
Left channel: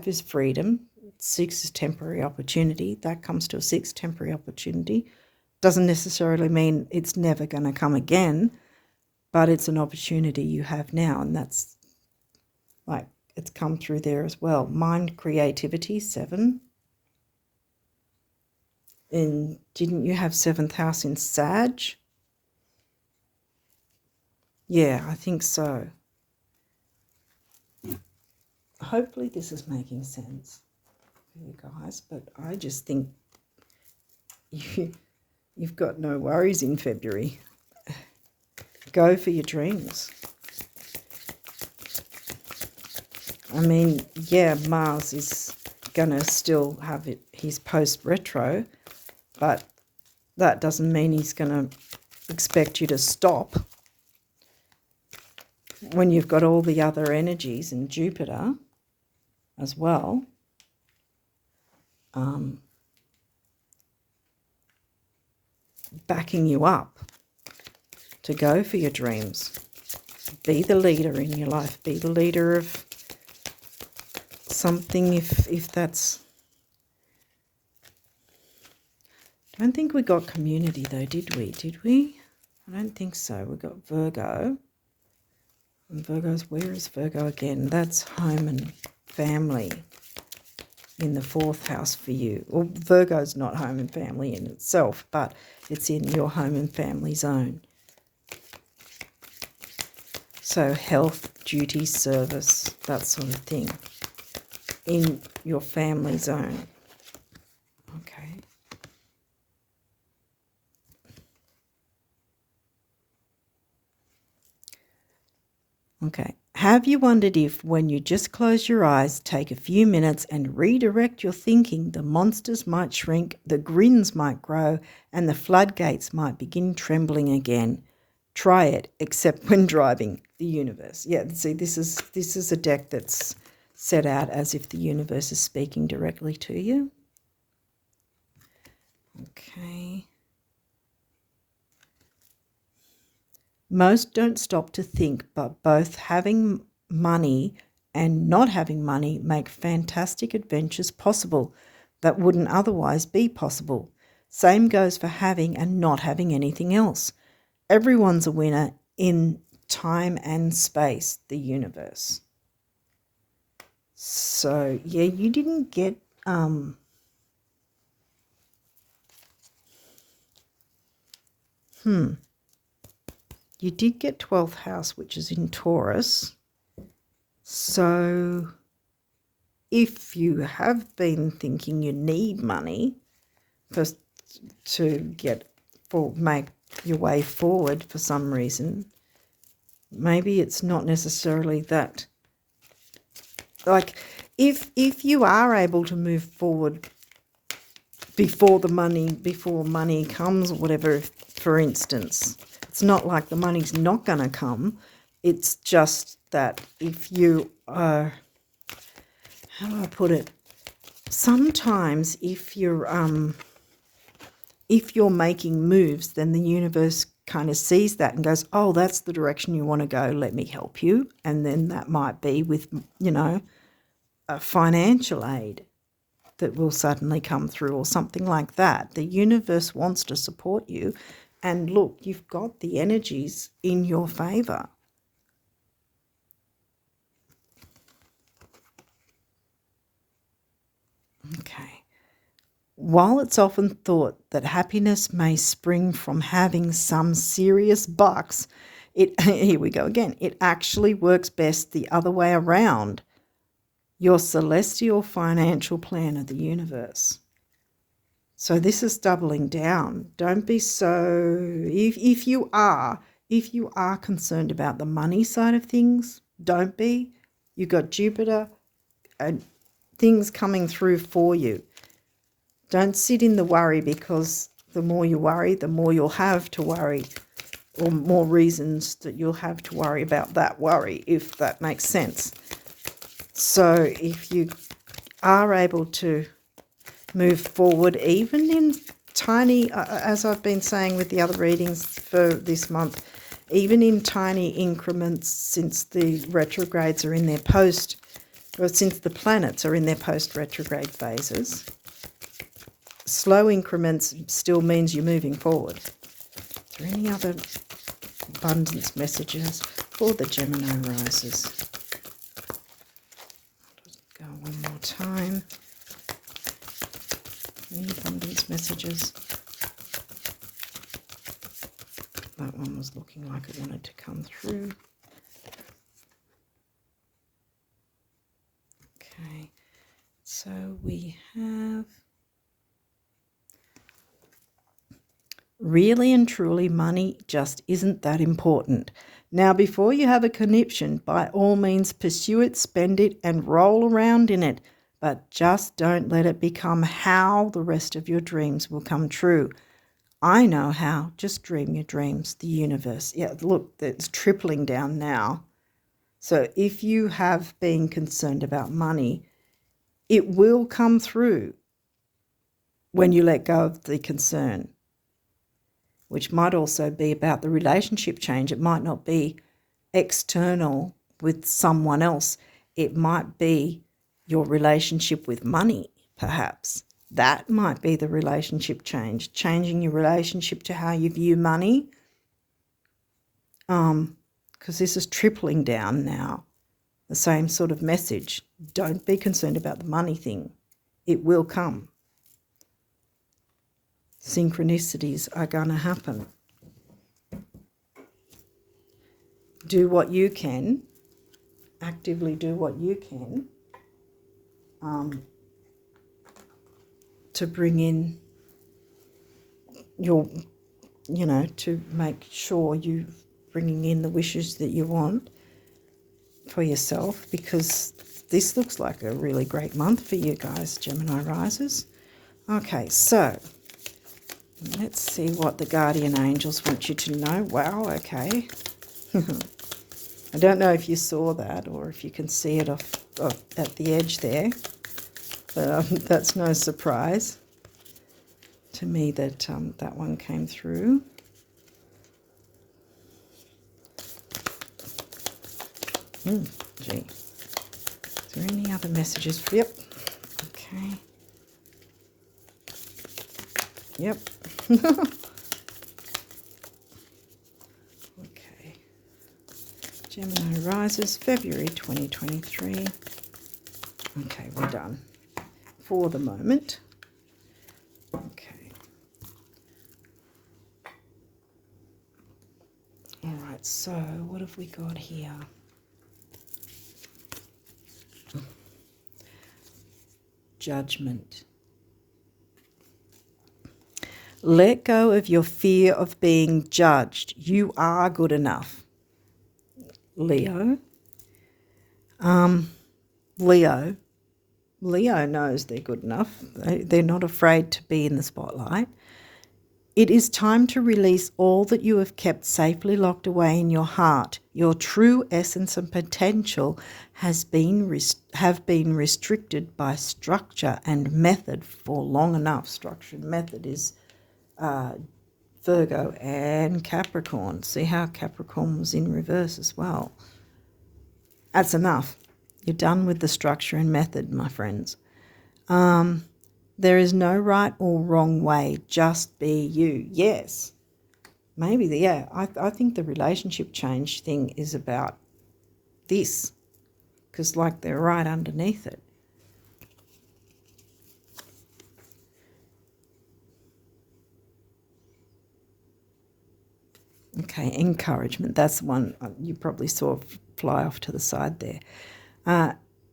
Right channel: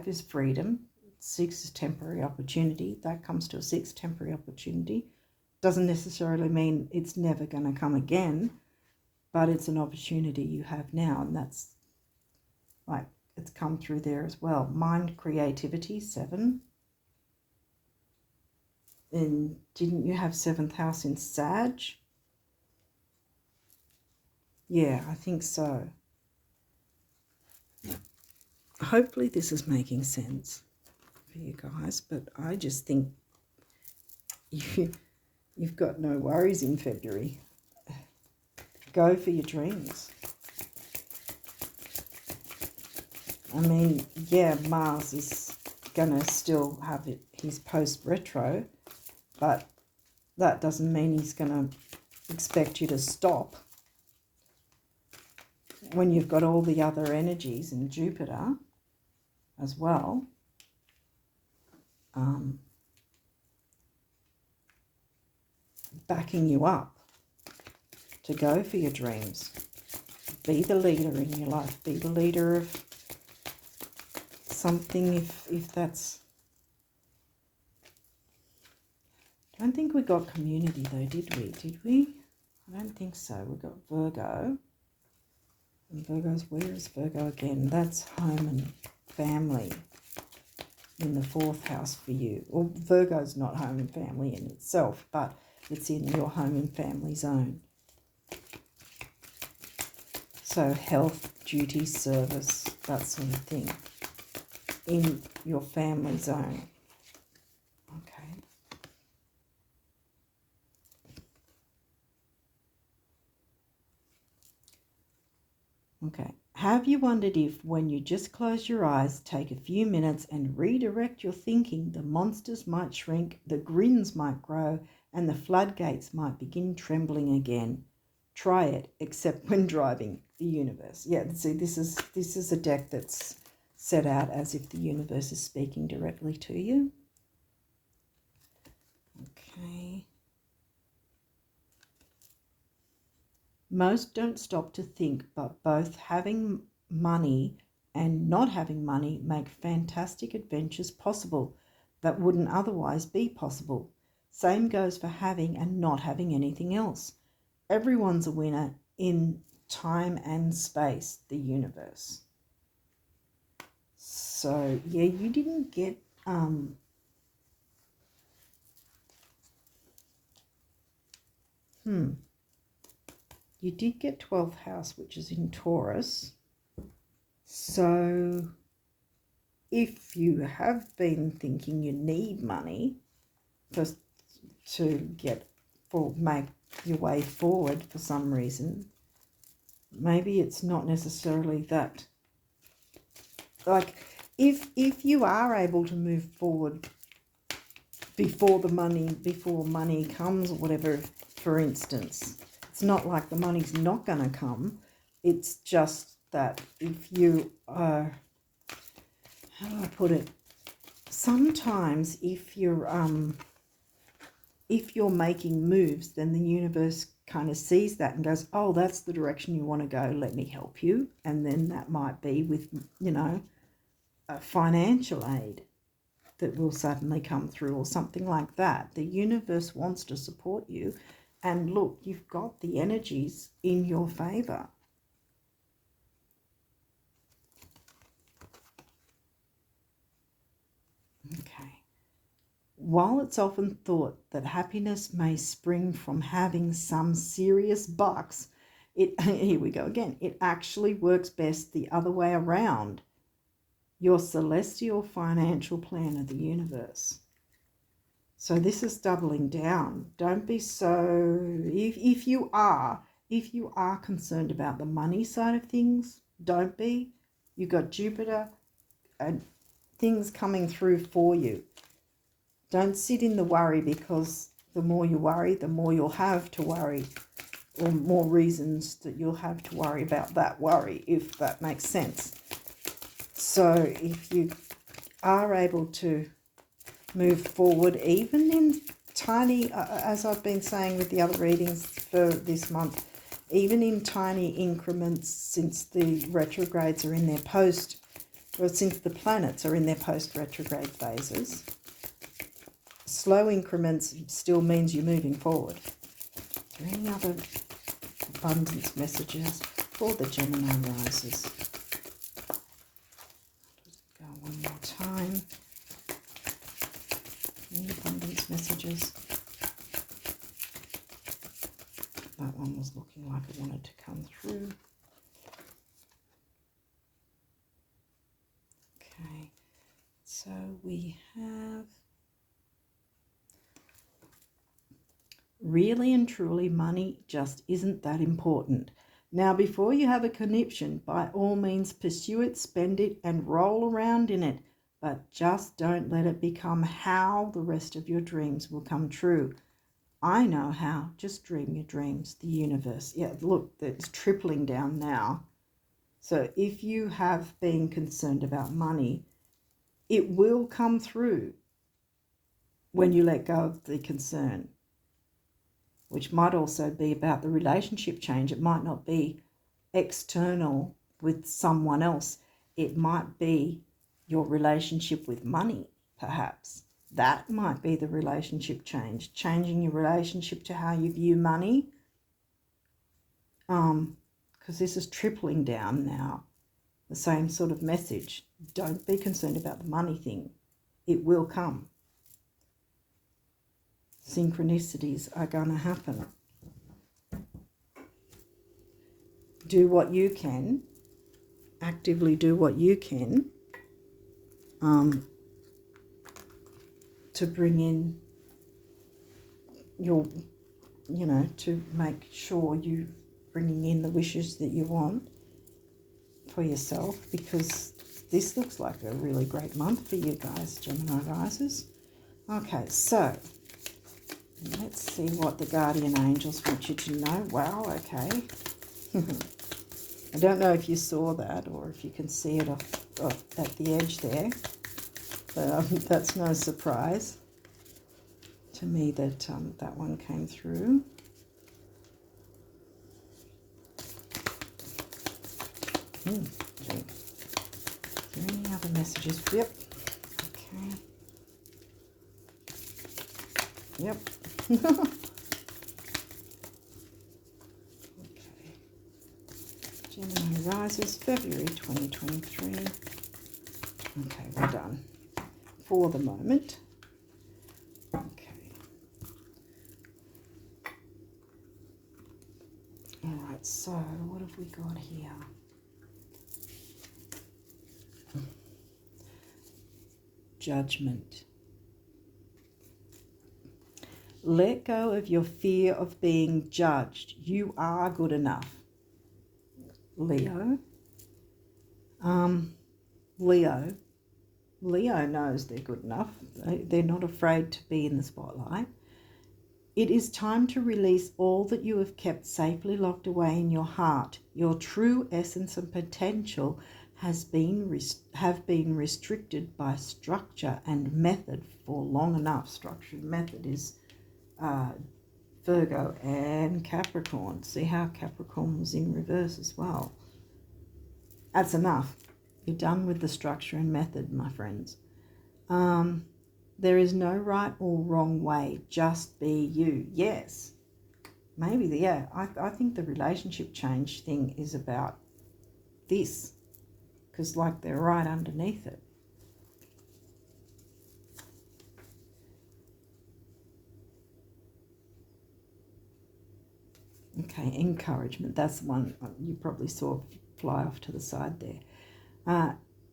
is freedom. 6 is temporary opportunity. That comes to a 6, temporary opportunity. Doesn't necessarily mean it's never going to come again, but it's an opportunity you have now, and that's like it's come through there as well. Mind, creativity, 7. And didn't you have 7th house in Sag? Yeah, I think so. Hopefully this is making sense for you guys, but I just think you've got no worries in February. Go for your dreams. I mean, yeah, Mars is going to still have his post-retro, but that doesn't mean he's going to expect you to stop when you've got all the other energies and Jupiter as well. Backing you up to go for your dreams. Be the leader in your life. Be the leader of something if that's... I don't think we got community though, did we? Did we? I don't think so. We got Virgo. And Virgo's, where is Virgo again? That's home and family in the 4th house for you. Well, Virgo's not home and family in itself, but it's in your home and family zone. So health, duty, service, that sort of thing in your family zone. Okay. Okay. Have you wondered if, when you just close your eyes, take a few minutes and redirect your thinking, the monsters might shrink, the grins might grow, and the floodgates might begin trembling again? Try it, except when driving the universe. Yeah, see, this is a deck that's set out as if the universe is speaking directly to you. Okay. Most don't stop to think, but both having money and not having money make fantastic adventures possible that wouldn't otherwise be possible. Same goes for having and not having anything else. Everyone's a winner in time and space, the universe. So, yeah, you didn't get... You did get 12th house, which is in Taurus. So if you have been thinking you need money to make your way forward for some reason, maybe it's not necessarily that. Like if you are able to move forward before money comes or whatever, for instance, it's not like the money's not going to come. It's just that if you are, how do I put it? Sometimes if you're making moves, then the universe kind of sees that and goes, oh, that's the direction you want to go. Let me help you. And then that might be with, a financial aid that will suddenly come through or something like that. The universe wants to support you. And look, you've got the energies in your favour. Okay. While it's often thought that happiness may spring from having some serious bucks, here we go again, it actually works best the other way around. Your celestial financial plan of the universe. So this is doubling down. Don't be so, if you are concerned about the money side of things, don't be. You've got Jupiter and things coming through for you. Don't sit in the worry, because the more you worry, the more you'll have to worry, or more reasons that you'll have to worry about that worry, if that makes sense. So if you are able to move forward, even in tiny, as I've been saying with the other readings for this month, even in tiny increments since the retrogrades are in their post, or since the planets are in their post-retrograde phases, slow increments still means you're moving forward. Is there any other abundance messages for the Gemini risers? Go one more time. Any abundance messages? That one was looking like it wanted to come through. Okay, so we have really and truly money just isn't that important. Now, before you have a conniption, by all means pursue it, spend it, and roll around in it. But just don't let it become how the rest of your dreams will come true. I know how. Just dream your dreams, the universe. Yeah, look, it's tripling down now. So if you have been concerned about money, it will come through when you let go of the concern, which might also be about the relationship change. It might not be external with someone else. It might be your relationship with money, perhaps. That might be the relationship change, changing your relationship to how you view money. Because this is tripling down now, the same sort of message. Don't be concerned about the money thing. It will come. Synchronicities are going to happen. Do what you can, actively do what you can to bring in your, to make sure you're bringing in the wishes that you want for yourself, because this looks like a really great month for you guys, Gemini risers. Okay, so let's see what the guardian angels want you to know. Wow, okay. I don't know if you saw that or if you can see it off at the edge there. That's no surprise to me that that one came through. Gee. Is there any other messages? Yep. Okay. Yep. Okay. Gemini rises, February 2023. Okay, we're done for the moment. Okay. All right, so what have we got here? Judgment. Let go of your fear of being judged. You are good enough, Leo. Leo knows they're good enough. They're not afraid to be in the spotlight. It is time to release all that you have kept safely locked away in your heart. Your true essence and potential have been restricted by structure and method for long enough. Structure and method is Virgo and Capricorn. See how Capricorn was in reverse as well. That's enough. You're done with the structure and method, my friends. There is no right or wrong way. Just be you. Yes. Maybe, I think the relationship change thing is about this, because like they're right underneath it. Okay, encouragement. That's the one you probably saw fly off to the side there.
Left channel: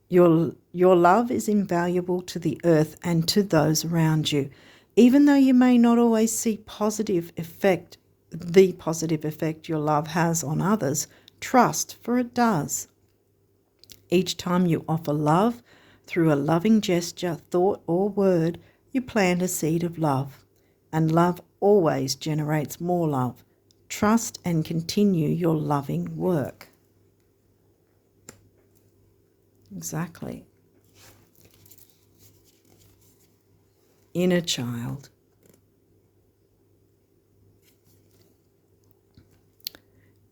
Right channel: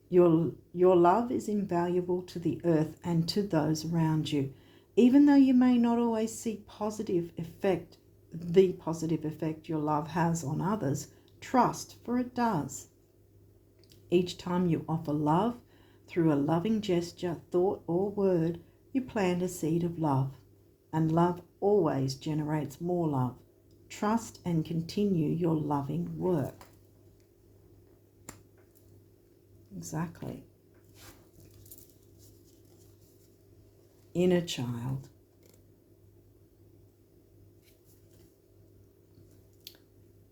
Your love is invaluable to the earth and to those around you. Even though you may not always see the positive effect your love has on others, trust, for it does. Each time you offer love through a loving gesture, thought, or word, you plant a seed of love. And love always generates more love. Trust and continue your loving work. Exactly. Inner child.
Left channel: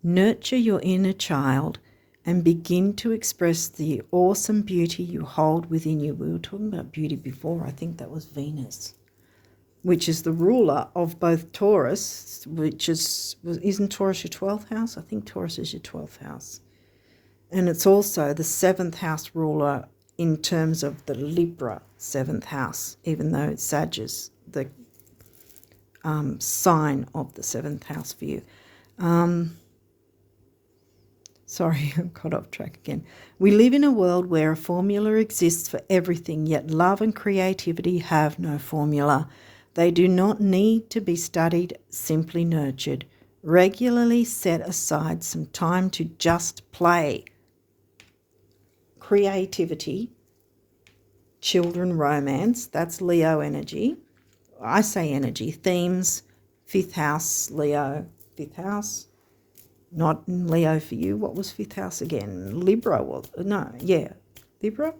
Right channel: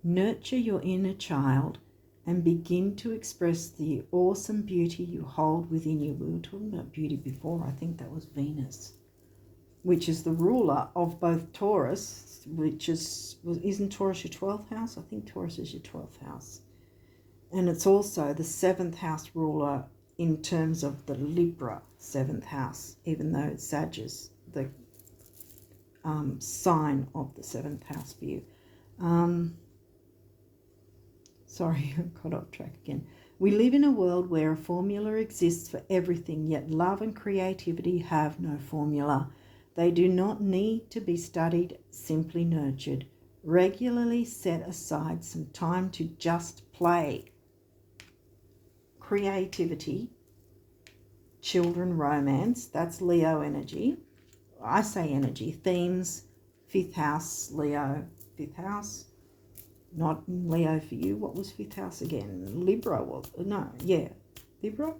Nurture your inner child and begin to express the awesome beauty you hold within you. We were talking about beauty before. I think that was Venus, which is the ruler of both Taurus, isn't Taurus your 12th house? I think Taurus is your 12th house. And it's also the 7th house ruler in terms of the Libra 7th house, even though it's Sagittarius, the sign of the 7th house for you. Sorry, I got off track again. We live in a world where a formula exists for everything, yet love and creativity have no formula. They do not need to be studied, simply nurtured. Regularly set aside some time to just play. Creativity, children, romance, that's Leo energy. I say energy, themes, 5th house, Leo, 5th house. Not Leo for you. What was 5th house again? Libra. Libra,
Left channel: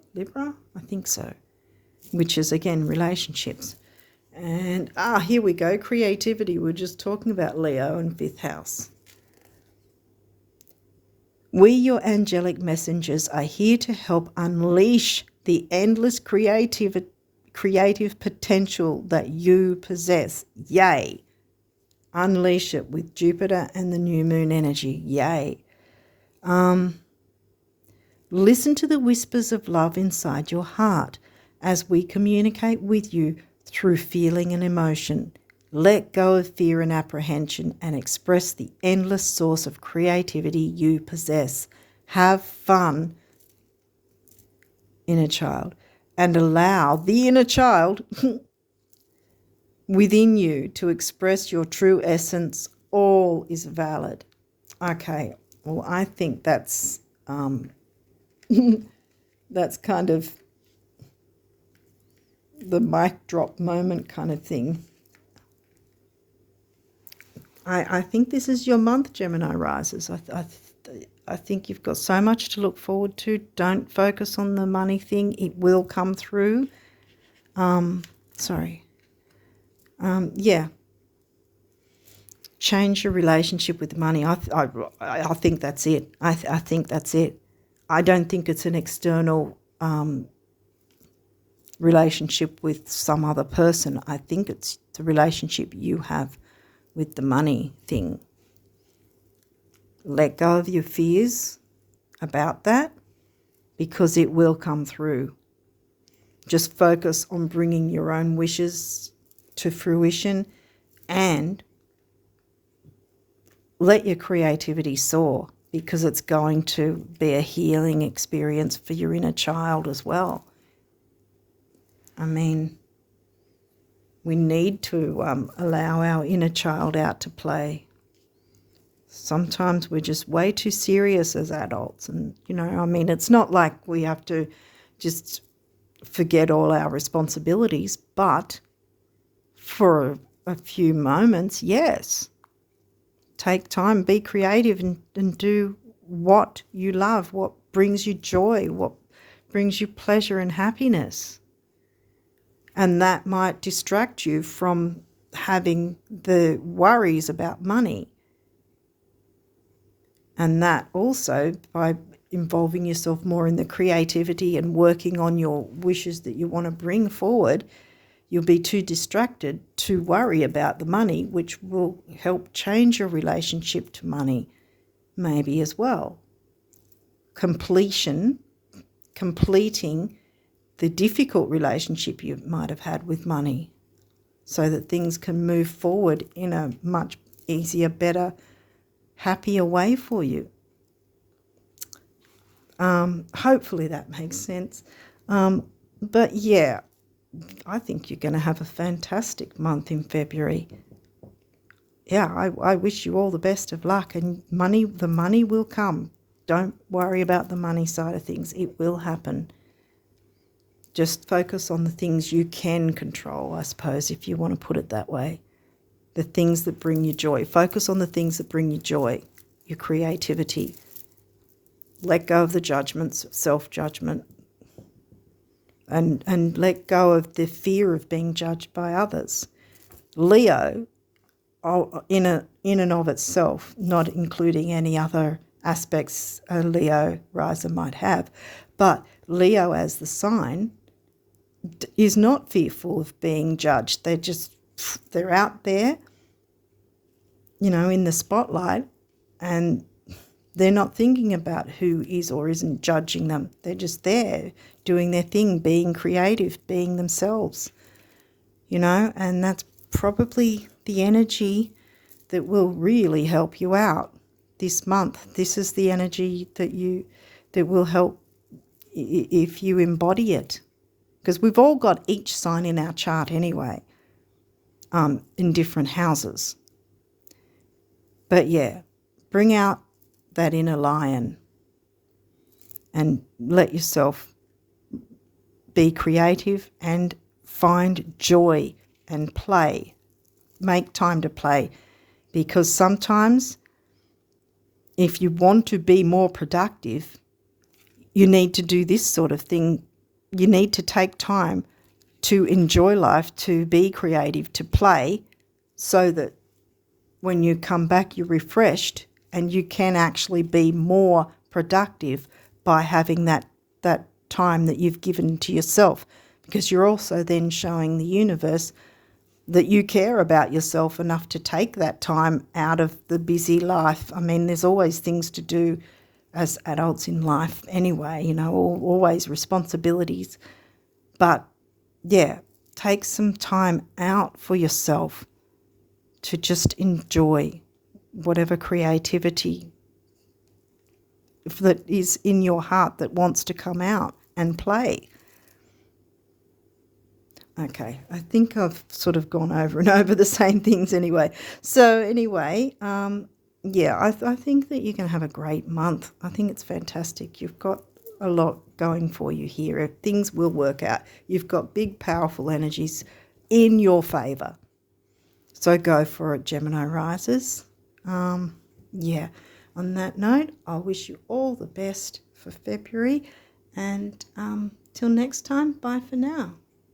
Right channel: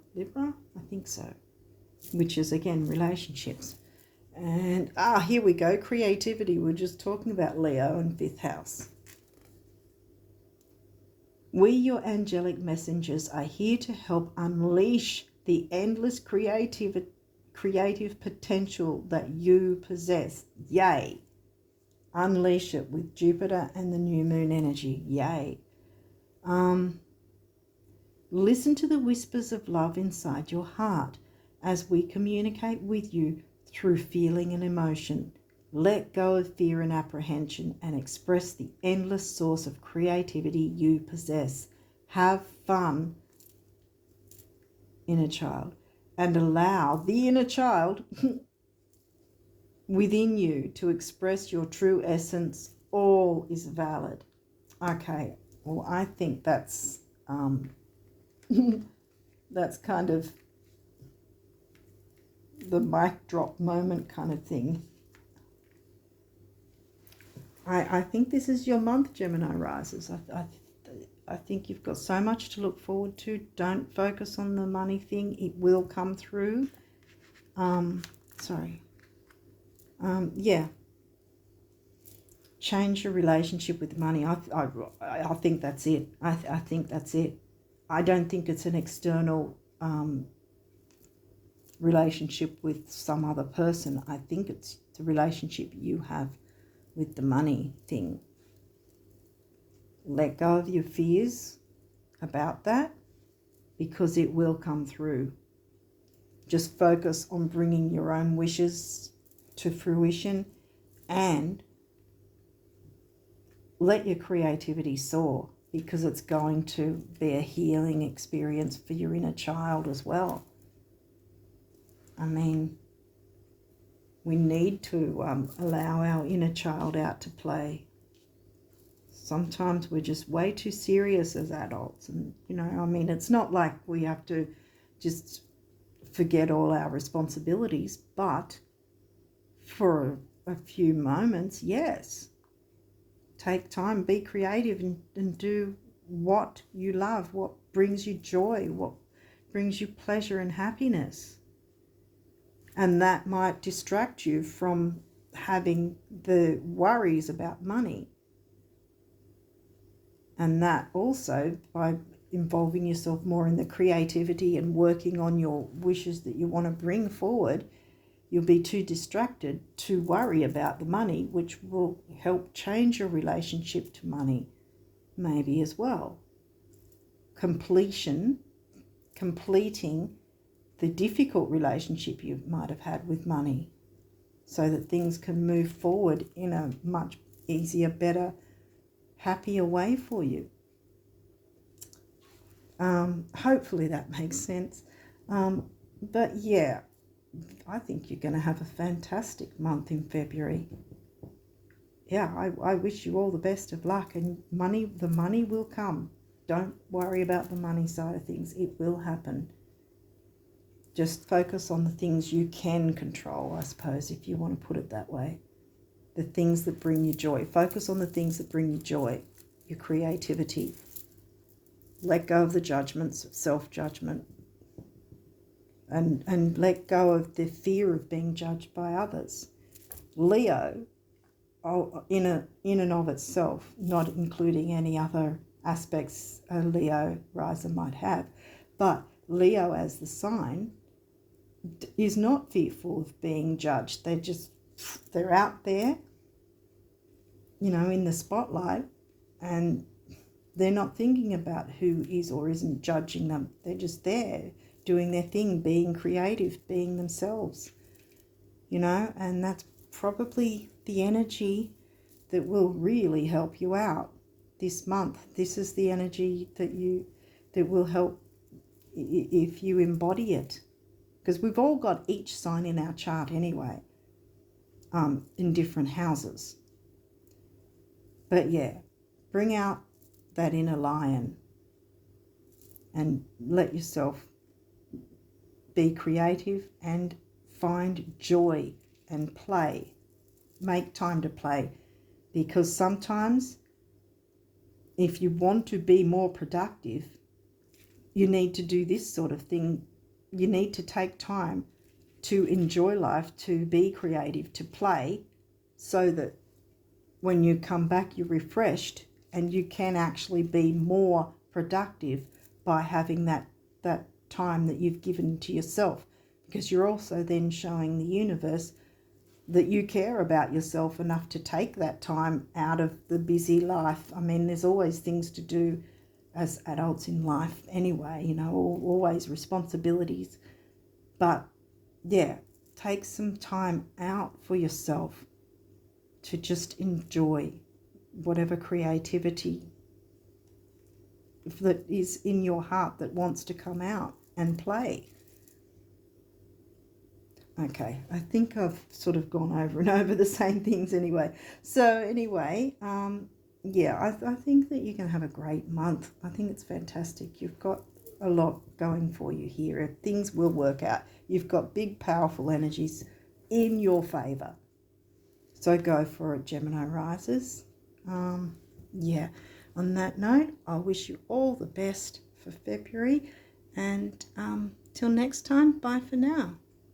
I think so. Which is, again, relationships. And, here we go, creativity. We're just talking about Leo and 5th house. We, your angelic messengers, are here to help unleash the endless creative potential that you possess. Yay! Unleash it with Jupiter and the new moon energy. Yay. Listen to the whispers of love inside your heart as we communicate with you through feeling and emotion. Let go of fear and apprehension and express the endless source of creativity you possess. Have fun, inner child, and allow the inner child within you to express your true essence. All is valid. Okay, well, I think that's that's kind of the mic drop moment kind of thing. I think this is your month, Gemini risers. I think you've got so much to look forward to. Don't focus on the money thing. It will come through. Change your relationship with money. I think that's it. I think that's it. I don't think it's an external relationship with some other person. I think it's the relationship you have with the money thing. Let go of your fears about that because it will come through. Just focus on bringing your own wishes to fruition and let your creativity soar because it's going to be a healing experience for your inner child as well. I mean, we need to allow our inner child out to play. Sometimes we're just way too serious as adults. And, it's not like we have to just forget all our responsibilities, but for a few moments, yes. Take time, be creative and do what you love, what brings you joy, what brings you pleasure and happiness. And that might distract you from having the worries about money. And that also, by involving yourself more in the creativity and working on your wishes that you want to bring forward, you'll be too distracted to worry about the money, which will help change your relationship to money maybe as well. Completing the difficult relationship you might have had with money so that things can move forward in a much easier, better, happier way for you. Hopefully that makes sense. But yeah, I think you're going to have a fantastic month in February. Yeah, I wish you all the best of luck, and the money will come. Don't worry about the money side of things. It will happen. Just focus on the things you can control, I suppose, if you want to put it that way. The things that bring you joy. Focus on the things that bring you joy, your creativity. Let go of the judgments, self-judgment. And let go of the fear of being judged by others. Leo, in and of itself, not including any other aspects a Leo riser might have. But Leo as the sign is not fearful of being judged. They're out there, in the spotlight, and they're not thinking about who is or isn't judging them. They're just there doing their thing, being creative, being themselves, and that's probably the energy that will really help you out this month. This is the energy that will help if you embody it, because we've all got each sign in our chart anyway, in different houses. But yeah, bring out that inner lion and let yourself be creative and find joy and play. Make time to play, because sometimes if you want to be more productive, you need to do this sort of thing. You need to take time to enjoy life, to be creative, to play, so that when you come back, you're refreshed and you can actually be more productive by having that time that you've given to yourself, because you're also then showing the universe that you care about yourself enough to take that time out of the busy life. I mean, there's always things to do as adults in life anyway, always responsibilities. But yeah, take some time out for yourself to just enjoy whatever creativity that is in your heart that wants to come out and play. Okay, I think I've sort of gone over and over the same things anyway. So anyway, yeah, I think that you're going to have a great month. I think it's fantastic. You've got a lot going for you here. Things will work out. You've got big, powerful energies in your favour. So go for it, Gemini risers. Yeah, on that note, I wish you all the best for February. And till next time, bye for now.